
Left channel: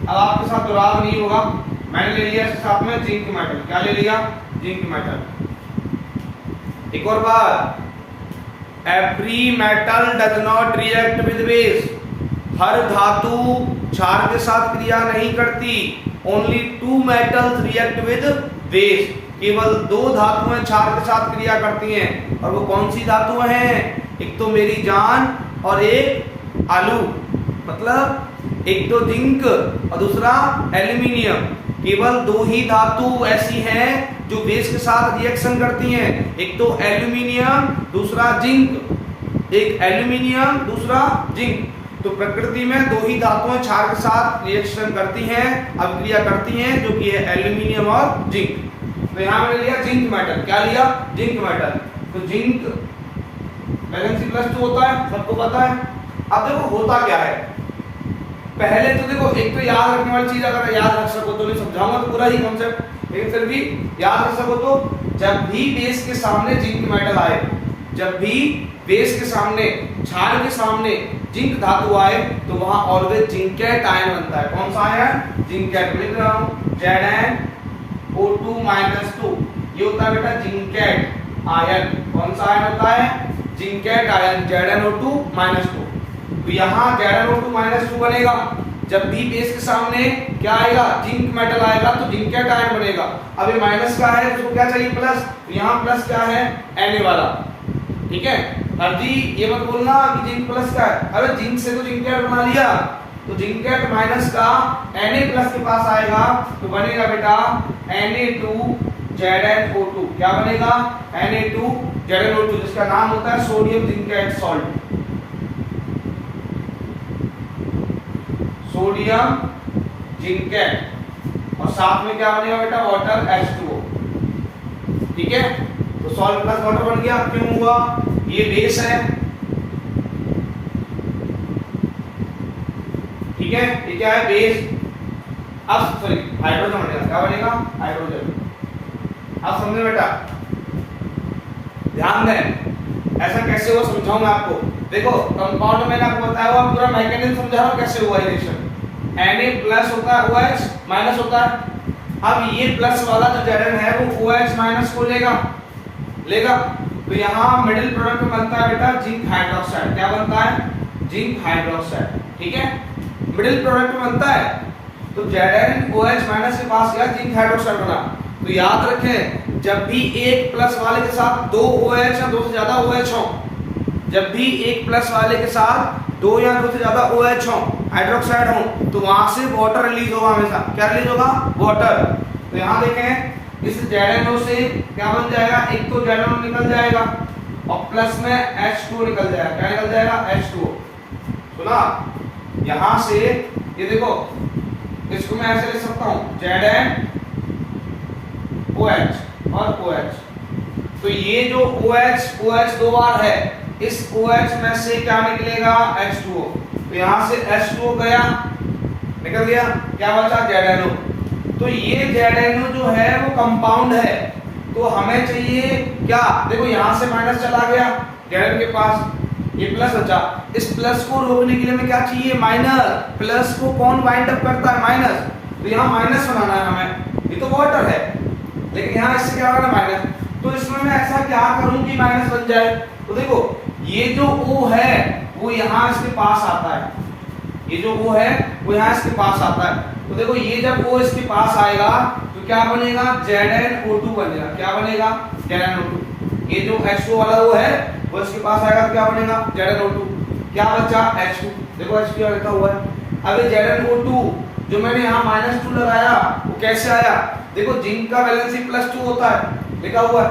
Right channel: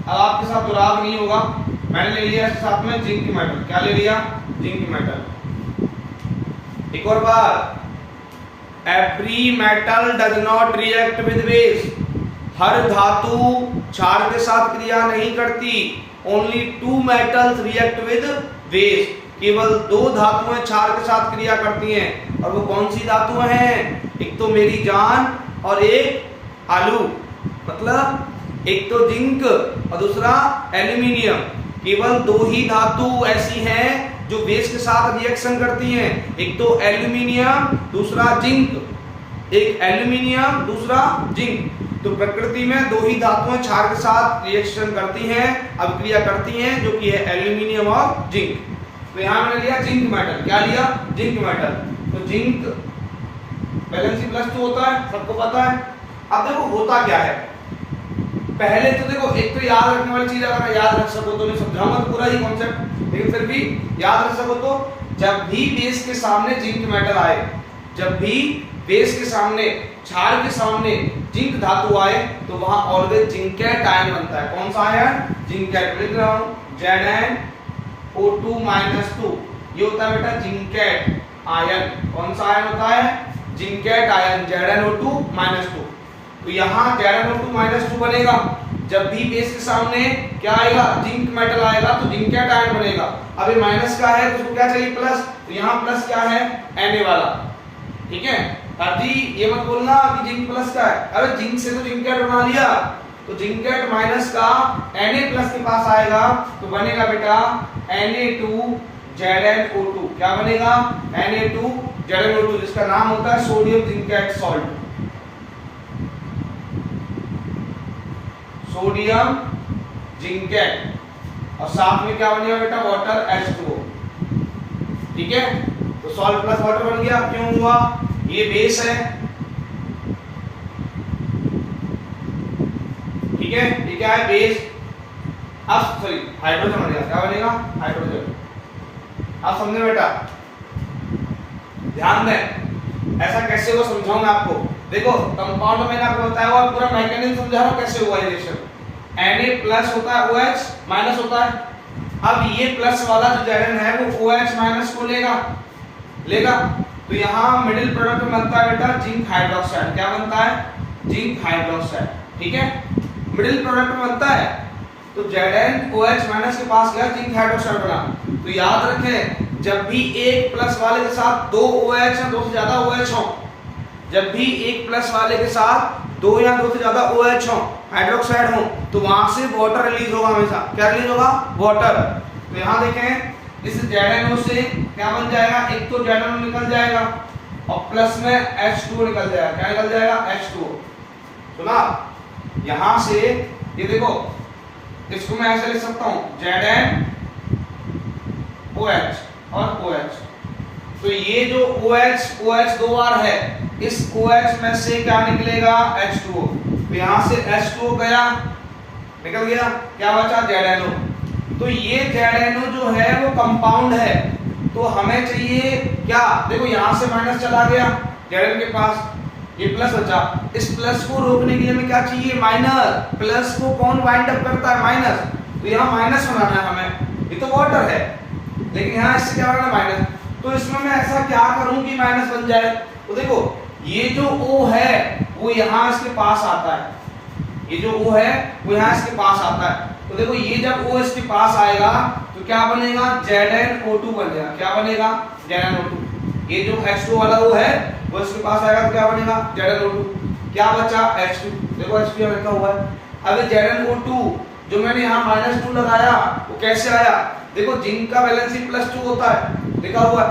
अब आपके साथ दुराव नहीं होगा, मैंने ले लिया इसके साथ में जिंक मेटल। क्या ले लिया, जिंक मेटल। एक और बात, every metal does not react with base. हर धातु क्षार के साथ क्रिया नहीं करती, only 2 metals react with base. केवल 2 धातुएं क्षार के साथ क्रिया करती हैं, और वो कौन सी धातुएं हैं, एक तो मेरी जान और एक आलू, मतलब एक तो जिंक और दूसरा एल्यूमिनियम। केवल 2 ही धातु ऐसी हैं जो बेस के साथ रिएक्शन करती हैं, एक तो एल्यूमिनियम दूसरा जिंक, एक एल्यूमिनियम दूसरा जिंक। तो प्रकृति में 2 ही धातुएं क्षार के साथ रिएक्शन करती हैं, अभिक्रिया करती हैं, जो कि है एल्यूमिनियम और जिंक। तो यहां मैंने लिया जिंक मेटल। क्या लिया, जिंक मेटल। तो जिंक वैलेंसी +2 होता है, सबको पता है। अब देखो होता क्या है, पहले तो देखो एक तो याद रखने वाली चीज, अगर याद रख सको तो, नहीं समझाऊंगा तो पूरा ही कॉन्सेप्ट, लेकिन फिर भी याद रख सको तो, जब भी बेस के सामने जिंक मेटल आए, जब भी बेस के सामने, क्षार के सामने जिंक धातु आए, तो वहां ऑलवेज जिंकेट आयन बनता है। कौन सा आयन, जिंकेट। लिख रहा हूं ZnO2-2, ये होता है बेटा जिंकेट आयन। कौन सा आयन होता है, जिंकेट आयन, ZnO2-2। तो यहाँ ZnO2-2 बनेगा जब भी बेस के सामने क्या आएगा, जिंक मेटल आएगा, तो जिंकेट आयन बनेगा। अब ये माइनस का है तो क्या चाहिए, प्लस। तो यहाँ प्लस क्या है, Na वाला, ठीक है। हरजी ये मत बोलना कि जिंक प्लस का है, अरे जिंक से तो जिंकेट बना लिया, तो जिंकेट माइनस का Na प्लस के पास आएगा, तो बनेगा बेटा Na2ZnO2। क्या बनेगा, Na2ZnO2, जिसका नाम होता है sodium zincate salt, sodium zincate. और साथ में क्या बनेगा बेटा, वाटर H2O, ठीक है। तो सॉल्ट प्लस वाटर बन गया। क्यों हुआ, ये बेस है, ठीक है, ये क्या है, बेस। अब सॉरी हाइड्रोजन बनेगा, क्या बनेगा, हाइड्रोजन। आप समझे बेटा, ध्यान दें, ऐसा कैसे हुआ समझाऊंगा आपको। देखो कंपाउंड में मैंने आपको बताया हुआ, पूरा मैकेनिज्म समझा रहा हूं कैसे हुआ ये रिएक्शन। Na प्लस होता है, OH माइनस होता है। अब ये प्लस वाला जो Zn है वो OH माइनस को लेगा। तो यहाँ मिडिल प्रोडक्ट में बनता है बेटा जिंक हाइड्रोक्साइड। क्या बनता है, जिंक हाइड्रोक्साइड, ठीक है। मिडिल प्रोडक्ट में बनता है, तो Zn OH माइनस के पास गया, जिंक हाइड्रोक्साइड बना। तो याद रखें, जब भी एक प्लस वाले के साथ 2 OH और 2 से ज्यादा OH हो, जब भी एक प्लस वाले के साथ 2 या 2 से ज्यादा OH हो, हाइड्रोक्साइड हो, तो वहां से वाटर रिलीज होगा हमेशा। क्या रिलीज होगा, वाटर। तो यहाँ देखें, इस ZnO से क्या बन जाएगा, एक तो ZnO निकल जाएगा, और प्लस में H2O निकल जाएगा। क्या निकल जाएगा? H2O। सुना? यहां से ये देखो, इसको मैं ऐसे लिख सकता हूं ZnOH और OH। तो ये जो OH दो बार है, इस OH में से क्या निकलेगा? H2O। तो यहां से H2O गया, निकल गया, क्या बचा? ZnO। तो ये ZnO जो है वो कंपाउंड है, तो हमें चाहिए क्या? देखो यहां से माइनस चला गया Zn के पास, ये प्लस बचा। इस प्लस को रोकने के लिए हमें क्या चाहिए? माइनस। प्लस को कौन बाइंड अप करता है? माइनस। तो यहाँ माइनस बनाना है हमें, ये तो वाटर है, लेकिन यहाँ इससे क्या बनाना? माइनस। तो इसमें मैं ऐसा क्या करूं कि माइनस बन जाए? तो देखो ये जो O है वो यहाँ इसके पास आता है, ये जो O है वो यहाँ इसके पास आता है। तो देखो ये जब O इसके पास आएगा तो क्या बनेगा? ZnO2 बनेगा। क्या बनेगा? ZnO2। ये जो H2 वाला O है वो इसके पास आएगा तो क्या बनेगा? ZnO2। क्या बचा? H2। देखो H2 लिखा हुआ है। अब ZnO2 जो मैंने यहाँ -2 लगाया वो कैसे आया? देखो जिंक का वैलेंसी +2 होता है, लिखा हुआ है,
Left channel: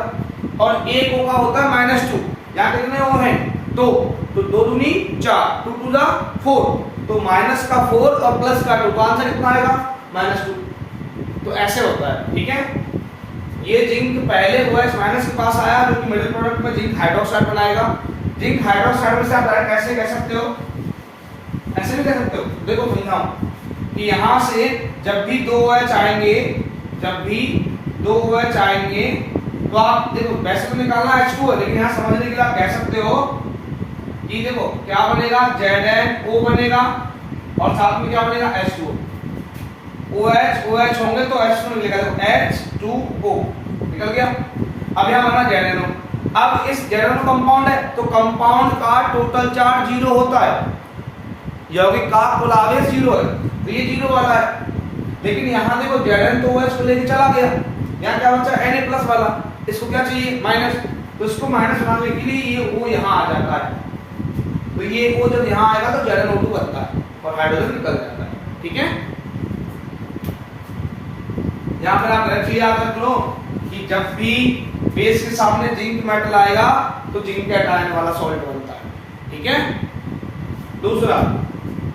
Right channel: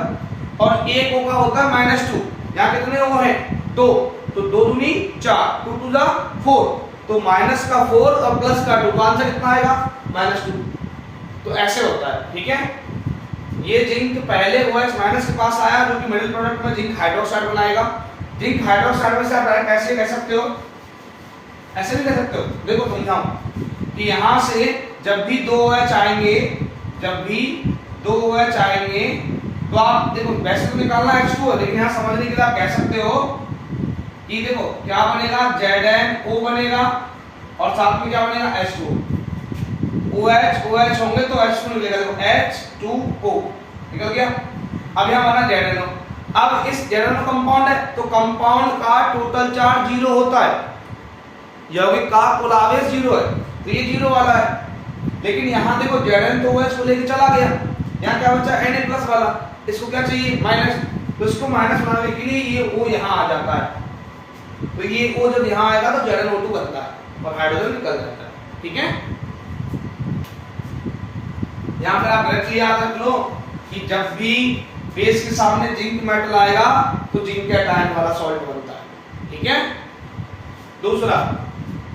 और एक O का होता है -2। यहाँ कितने O हैं? 2। तो 2 दूनी 4, 2 टू द 4, तो माइनस का 4 और प्लस का 2, तो आंसर कितना आएगा? -2। तो ऐसे होता है, ठीक है। ये जिंक पहले OH माइनस के पास आया, जो कि मिडिल प्रोडक्ट में जिंक हाइड्रोक्साइड बनाएगा। जिंक हाइड्रोक्साइड में से आप डायरेक्ट ऐसे कह सकते हो, ऐसे भी कह सकते हो। देखो समझाऊं कि यहां से जब भी 2 OH आएंगे, जब भी 2 OH आएंगे, तो आप देखो वैसे तो निकालना H2 है, लेकिन यहां समझने के लिए आप कह सकते हो कि देखो क्या बनेगा? ZnO बनेगा और साथ में क्या बनेगा? H2O। OH होंगे तो H2 निकलेगा। देखो H2O निकल गया। अब यहां बना ZnO। अब इस ZnO कंपाउंड है, तो कंपाउंड का टोटल चार्ज 0 होता है, यौगिक का कुल आवेश 0 है, तो ये 0 वाला है। लेकिन यहां देखो Zn तो OH को लेके चला गया, यहां क्या बचा? Na+ वाला, इसको क्या चाहिए? माइनस। तो इसको माइनस बनाने के लिए ये O यहां आ जाता है, तो ये O जब यहां आएगा तो ZnO2 बनता है और हाइड्रोजन निकल जाता है, ठीक है। यहां पर आप डायरेक्टली याद रख लो कि जब भी बेस के सामने जिंक मेटल आएगा तो जिंक कैटायन वाला सॉल्ट बनता है, ठीक है। दूसरा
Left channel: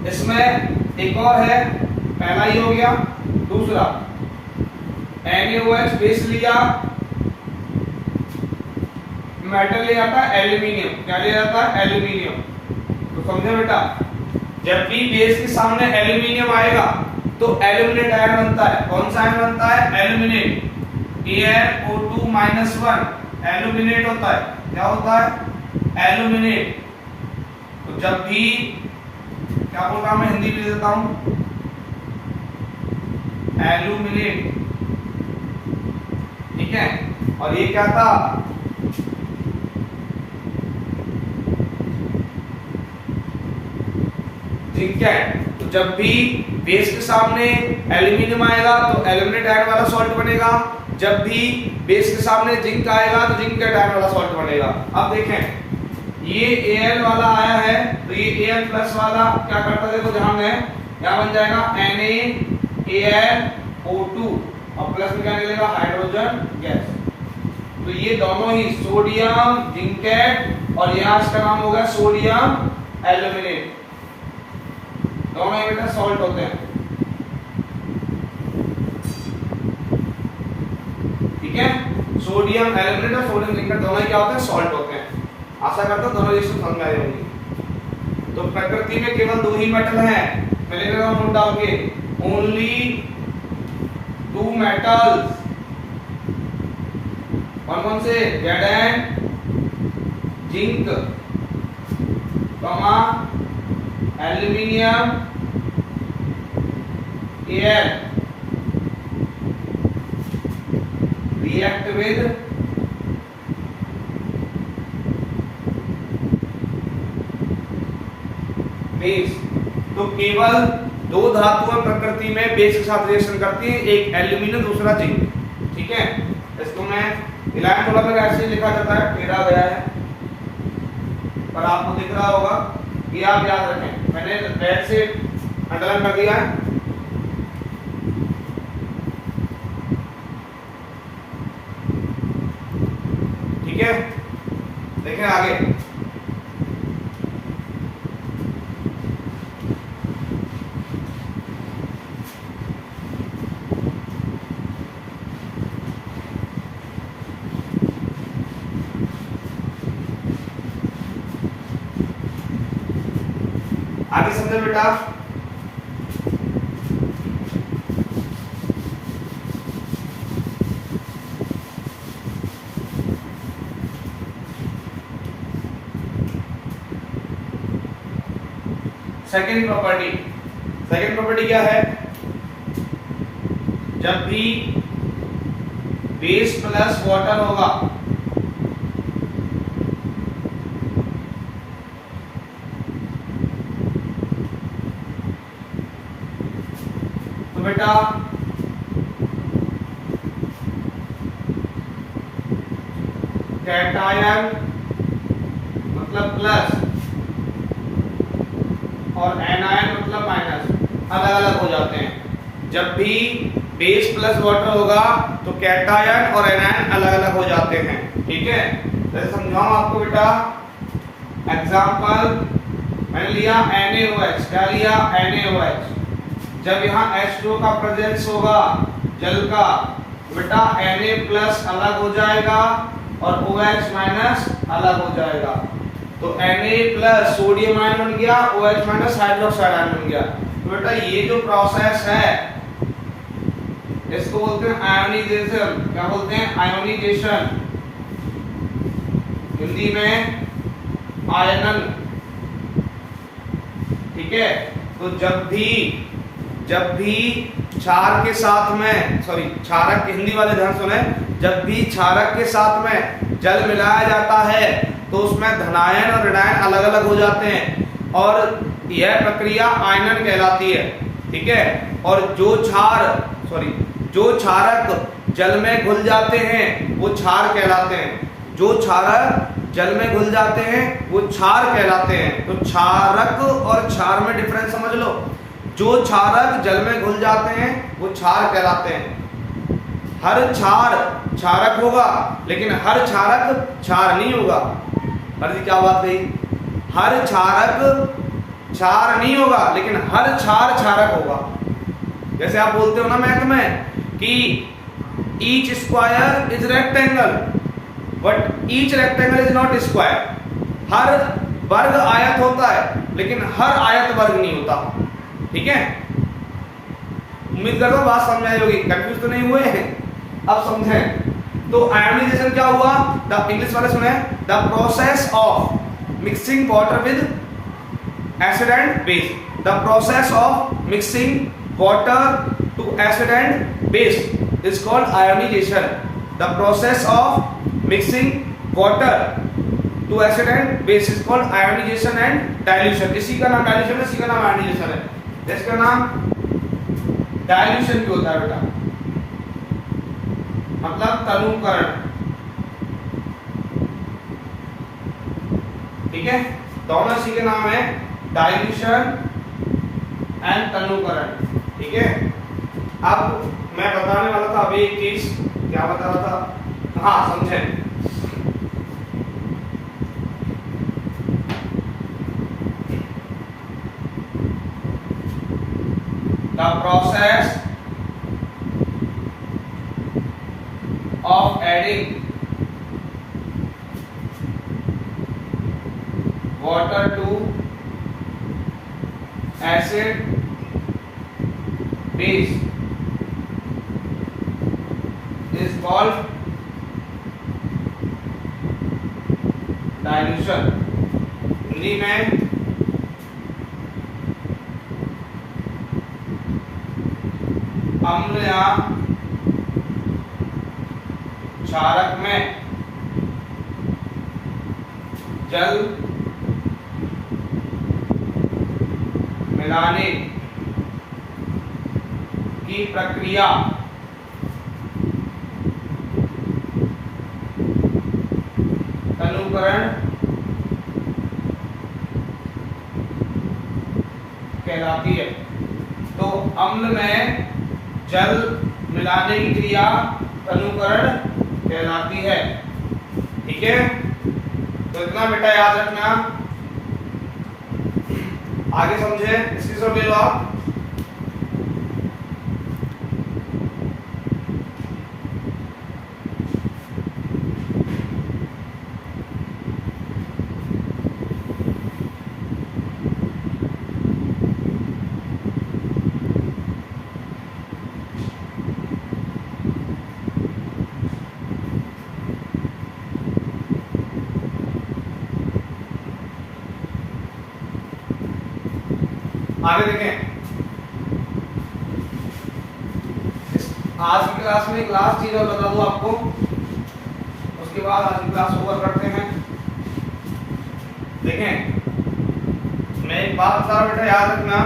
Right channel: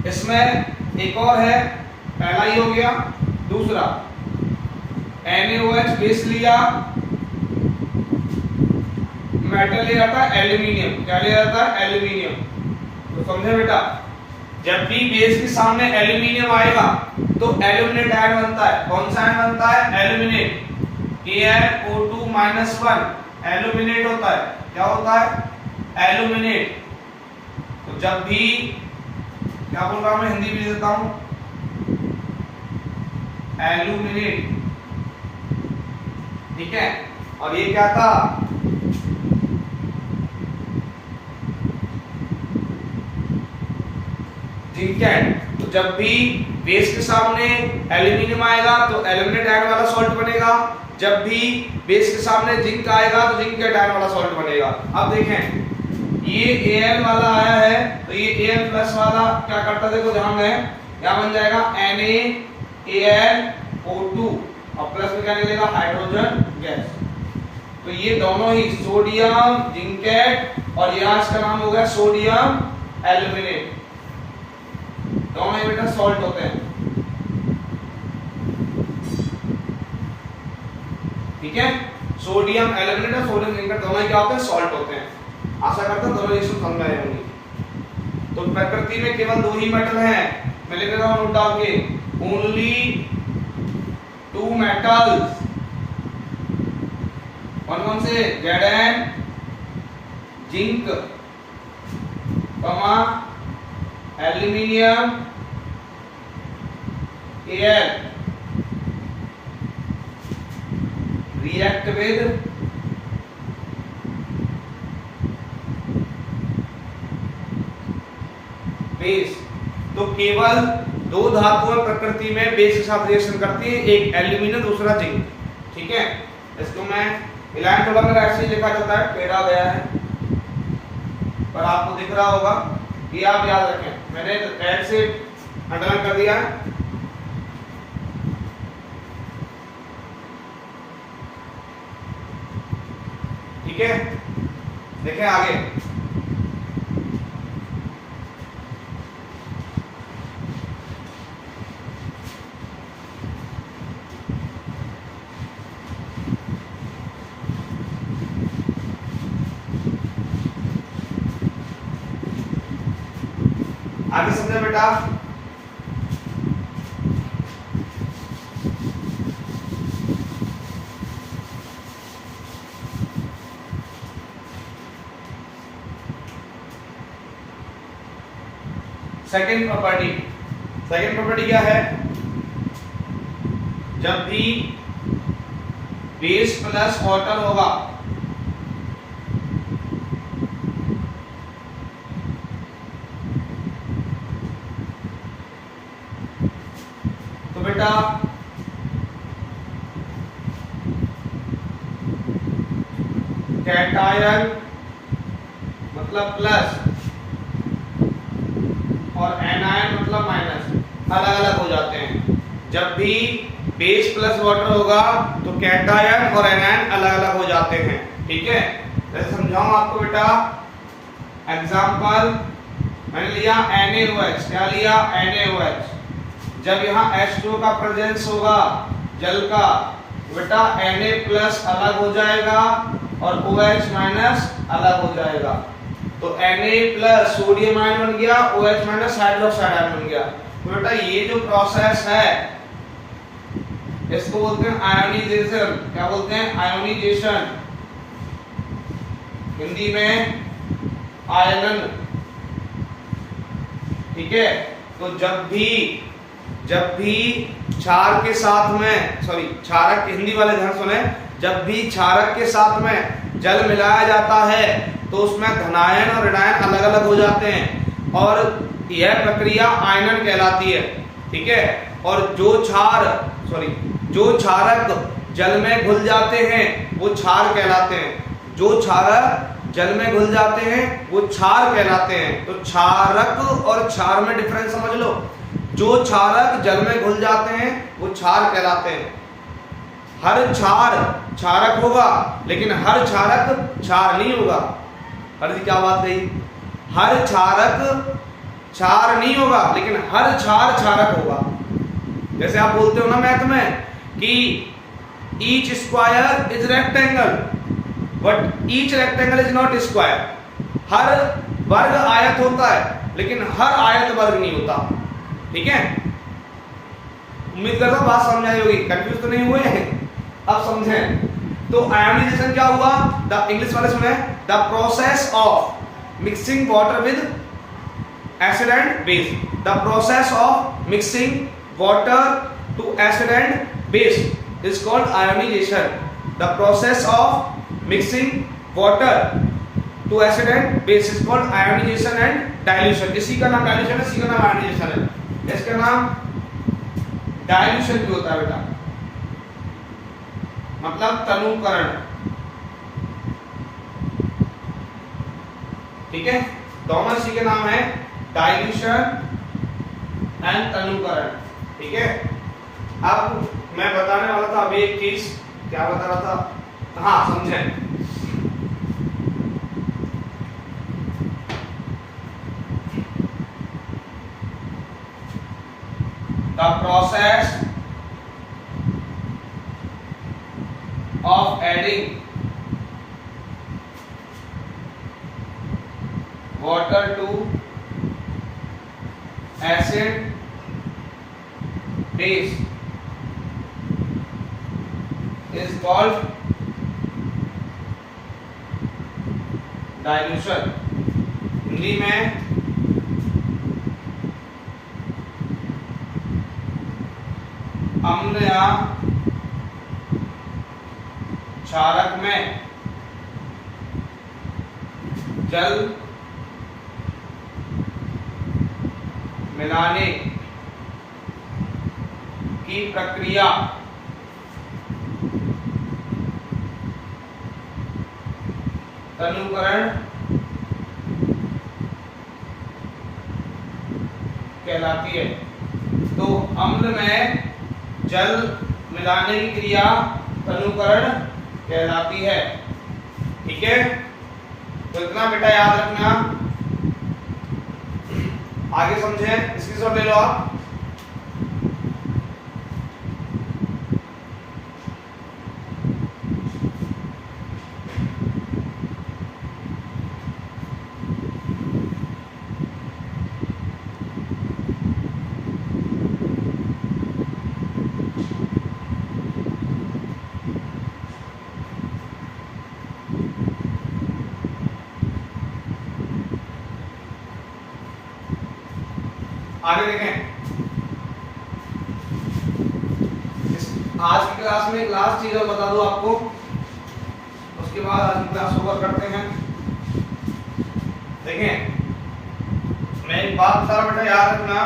इसमें एक और है, पहला ही हो गया। दूसरा NaOH बेस लिया, मेटल ले जाता है एल्यूमिनियम। क्या ले जाता है? एल्यूमिनियम। तो समझे बेटा, जब भी बेस के सामने एल्यूमिनियम आएगा तो एल्यूमिनेट आयन बनता है। कौन सा आयन बनता है? एल्यूमिनेट। AnO2-1 एल्यूमिनेट होता है। क्या होता है? एल्यूमिनेट। तो जब भी क्या बोल रहा हूं मैं, हिंदी भी देता हूं, एल्यूमिनेट, ठीक है। और ये क्या था? जिंकेट। तो जब भी बेस के सामने एल्यूमिनियम आएगा तो एल्यूमिनेट आयन वाला सॉल्ट बनेगा, जब भी बेस के सामने जिंक आएगा तो जिंक आयन वाला सॉल्ट बनेगा। अब देखें ये Al वाला आया है, तो ये Al+ वाला क्या करता है? देखो जहां में क्या बन जाएगा? NaAlO2 और प्लस में क्या निकलेगा? Hydrogen gas. तो ये दोनों ही सोडियम जिंकेट और यहाँ इसका नाम हो गया सोडियम एल्यूमिनेट, दोनों ये बेटा सॉल्ट होते हैं, ठीक है। सोडियम एल्यूमिनेट और सोडियम जिंकेट दोनों ही क्या होते हैं? सॉल्ट होते हैं। आशा करता हूं दोनों रिएक्शन समझ आए होंगे। तो प्रकृति में केवल 2 ही मेटल हैं, मैं लिख रहा हूं नोट डाल के, ओनली 2 मेटल्स। कौन से? Zn zinc, aluminium Al react with base. तो केवल 2 धातुएं प्रकृति में बेस के साथ रिएक्शन करती है, एक एल्यूमिनियम दूसरा जिंक, ठीक है। इसको मैं इलाइन थोड़ा मेरा ऐसे ही लिखा जाता है, टेढ़ा गया है, पर आपको दिख रहा होगा, ये आप याद रखें, मैंने रेड से अंडरलाइन कर दिया है। ठीक है, देखें आगे, आगे समझे बेटा। सेकेंड प्रॉपर्टी क्या है? जब भी बेस प्लस वाटर होगा तो बेटा कैटायन मतलब प्लस और एनायन मतलब माइनस अलग अलग हो जाते हैं। जब भी बेस प्लस वाटर होगा तो कैटायन और एनायन अलग अलग हो जाते हैं। ठीक है, जैसे समझाऊं आपको बेटा, एग्जांपल मैंने लिया NaOH। क्या लिया? NaOH। जब यहाँ H2 का प्रेजेंस होगा जल का, बेटा Na प्लस अलग हो जाएगा और OH माइनस अलग हो जाएगा। तो Na प्लस सोडियम आयन बन गया, OH माइनस हाइड्रोक्साइड आयन बन गया। तो बेटा ये जो प्रोसेस है इसको बोलते हैं आयोनाइजेशन। क्या बोलते हैं? आयोनाइजेशन, हिंदी में आयनन। ठीक है, तो जब भी क्षार के साथ में, सॉरी क्षारक, हिंदी वाले ध्यान सुने, जब भी क्षारक के साथ में जल मिलाया जाता है तो उसमें धनायन और ऋणायन अलग अलग हो जाते हैं और यह प्रक्रिया आयनन कहलाती है। ठीक है, और जो क्षारक जल में घुल जाते हैं वो क्षार कहलाते हैं। जो क्षारक जल में घुल जाते हैं वो क्षार कहलाते हैं। तो क्षारक और क्षार में डिफरेंस समझ लो। जो क्षारक जल में घुल जाते हैं वो क्षार कहलाते हैं। हर क्षार क्षारक होगा लेकिन हर क्षारक क्षार नहीं होगा। जी क्या बात कही? हर क्षारक क्षार नहीं होगा लेकिन हर क्षार क्षारक होगा। जैसे आप बोलते हो ना मैथ में कि each square is rectangle but each rectangle is not square. हर वर्ग आयत होता है लेकिन हर आयत वर्ग नहीं होता। ठीक है, उम्मीद करता हूं बात समझ आई होगी, कंफ्यूज तो नहीं हुए हैं? अब समझें। तो आयोनाइजेशन क्या हुआ? द इंग्लिश वाले सुने, the process of mixing water with acid and base. The process of mixing water to acid and base is called ionization. The process of mixing water to acid and base is called ionization and dilution. इसी का नाम dilution है, इसी का नाम ionisation है। इसका नाम डाइल्यूशन भी होता है बेटा, मतलब तनुकरण। ठीक है, दोनों इसी के नाम है, डाइल्यूशन एंड तनुकरण। ठीक है, अब मैं बताने वाला था अभी एक चीज, क्या बता रहा था? हाँ समझें। The process of adding water to acid base is called dilution। Hindi में अम्ल या क्षारक में जल मिलाने की प्रक्रिया तनुकरण कहलाती है। तो अम्ल में जल मिलाने की क्रिया तनुकरण कहलाती है। ठीक है, तो इतना बेटा याद रखना, आगे समझे, स्क्रीनशॉट ले लो आप। आगे देखें, आज की क्लास में एक लास्ट चीज और बता दूं आपको, उसके बाद आज की क्लास ओवर करते हैं। देखें, मैं एक बात बता रहा बेटा, याद रखना,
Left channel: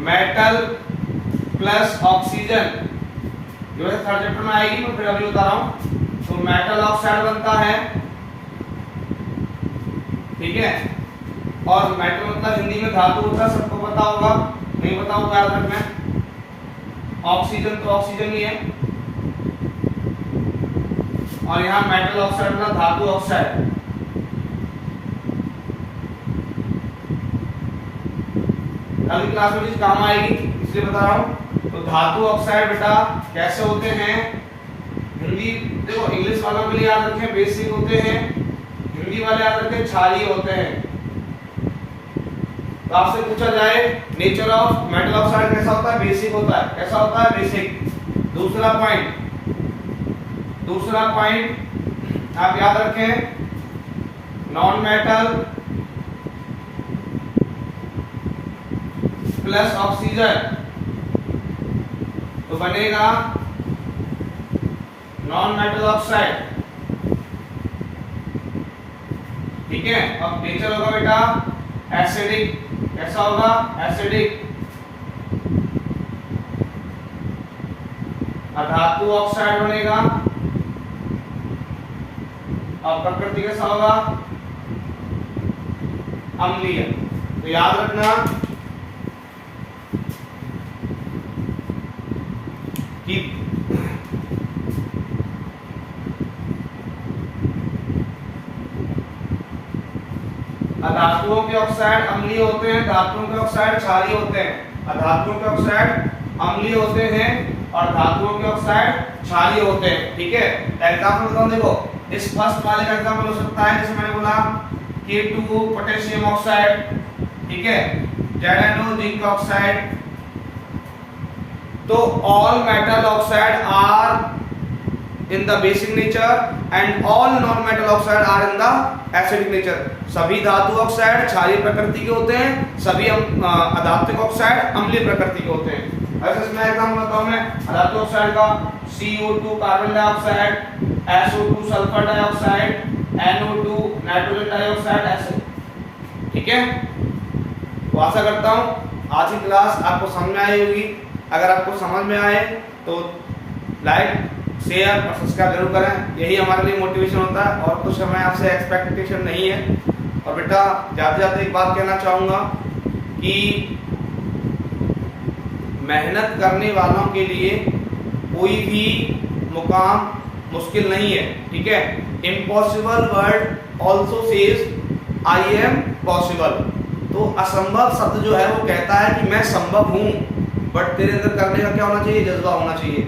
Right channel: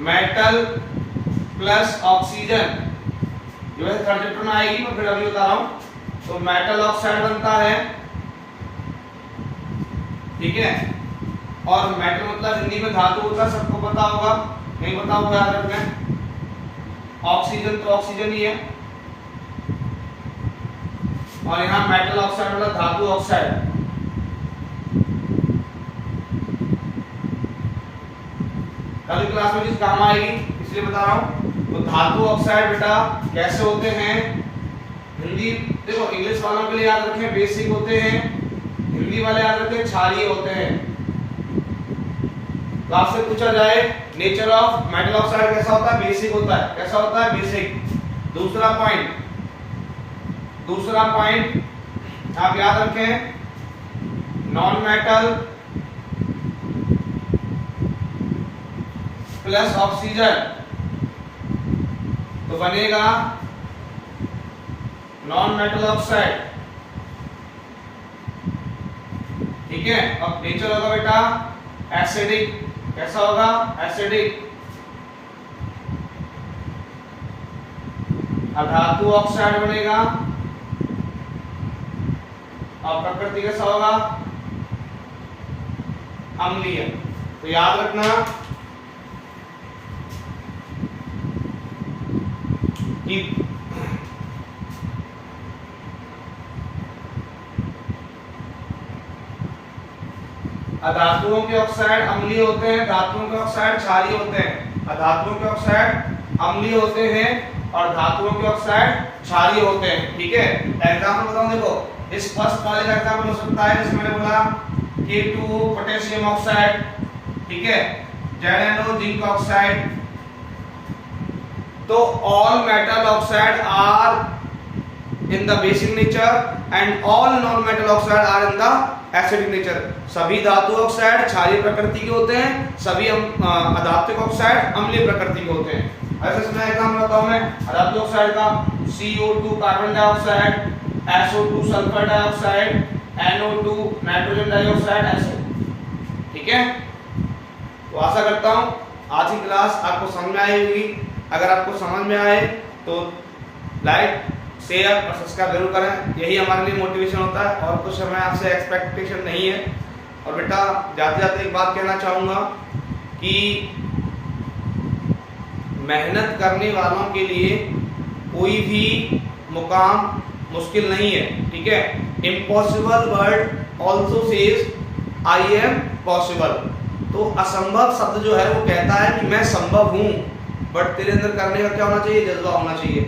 मेटल प्लस ऑक्सीजन जो है थर्ड चैप्टर में आएगी, मैं फिर अभी बता रहा हूं। तो मेटल ऑक्साइड बनता है, ठीक है, और मेटल मतलब हिंदी में धातु होता है, सबको पता होगा, नहीं पता होगा याद रखना। ऑक्सीजन तो ऑक्सीजन ही है, और यहाँ मेटल ऑक्साइड मतलब धातु ऑक्साइड। कल क्लास में चीज काम आएगी इसलिए बता रहा हूँ। तो धातु ऑक्साइड बेटा कैसे होते हैं, हिंदी देखो, इंग्लिश वालों के लिए याद रखें बेसिक होते हैं, हिंदी वाले याद रखें क्षारीय होते हैं। तो आपसे पूछा जाए नेचर ऑफ मेटल ऑक्साइड कैसा होता है, बेसिक होता है। कैसा होता है, बेसिक। दूसरा पॉइंट आप याद रखें, नॉन मेटल प्लस ऑक्सीजन तो बनेगा नॉन मेटल ऑक्साइड, ठीक है। अब नेचर होगा बेटा एसिडिक, कैसा होगा, एसिडिक। धातु ऑक्साइड बनेगा, और प्रकृति कैसा होगा, अम्लीय। तो याद रखना कि अधातुओं के ऑक्साइड अम्लीय होते हैं, धातुओं के ऑक्साइड क्षारीय होते हैं। अधातुओं के ऑक्साइड अम्लीय होते हैं और धातुओं के ऑक्साइड क्षारीय होते हैं, ठीक है। एग्जांपल बताऊं, देखो इस फर्स्ट वाले का एग्जांपल हो सकता है जिसमें मैंने बोला K2 पोटेशियम ऑक्साइड, ठीक है, ZnO जिंक ऑक्साइड। तो all metal oxide are in the basic nature and all non metal oxide are in the acidic nature. सभी धातु ऑक्साइड क्षारीय प्रकृति के होते हैं, सभी अधात्विक ऑक्साइड अम्लीय प्रकृति के होते हैं। ऐसे इसमें एग्जांपल बताऊं मैं अधातु ऑक्साइड का, CO2 carbon dioxide, SO2 sulphur dioxide, NO2 nitrogen dioxide, ऐसे, ठीक है। तो आशा करता हूं आज की क्लास आपको समझ में आई होगी। अगर आपको समझ में आए तो लाइक, शेयर और सब्सक्राइब जरूर करें, यही हमारे लिए मोटिवेशन होता है, और कुछ हमें आपसे एक्सपेक्टेशन नहीं है। और बेटा जाते जाते एक बात कहना चाहूँगा कि मेहनत करने वालों के लिए कोई भी मुकाम मुश्किल नहीं है, ठीक है। Impossible word also says I am possible. तो असंभव शब्द जो है वो कहता है कि मैं संभव हूँ, बट तेरे अंदर करने का क्या होना चाहिए, जज्बा होना चाहिए।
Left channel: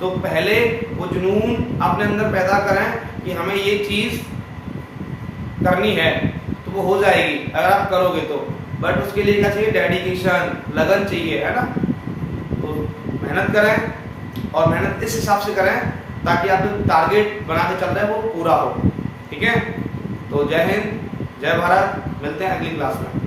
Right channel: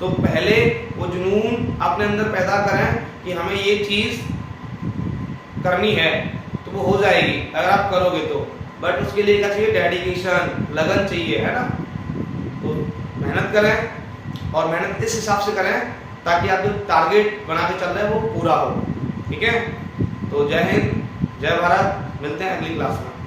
तो पहले वो जुनून अपने अंदर पैदा करें कि हमें ये चीज करनी है, तो वो हो जाएगी अगर आप करोगे तो। बट उसके लिए क्या चाहिए, डेडिकेशन, लगन चाहिए, है ना। तो मेहनत करें, और मेहनत इस हिसाब से करें ताकि आप जो टारगेट बना के चल रहे हैं वो पूरा हो, ठीक है। तो जय हिंद, जय भारत, मिलते हैं अगली क्लास में।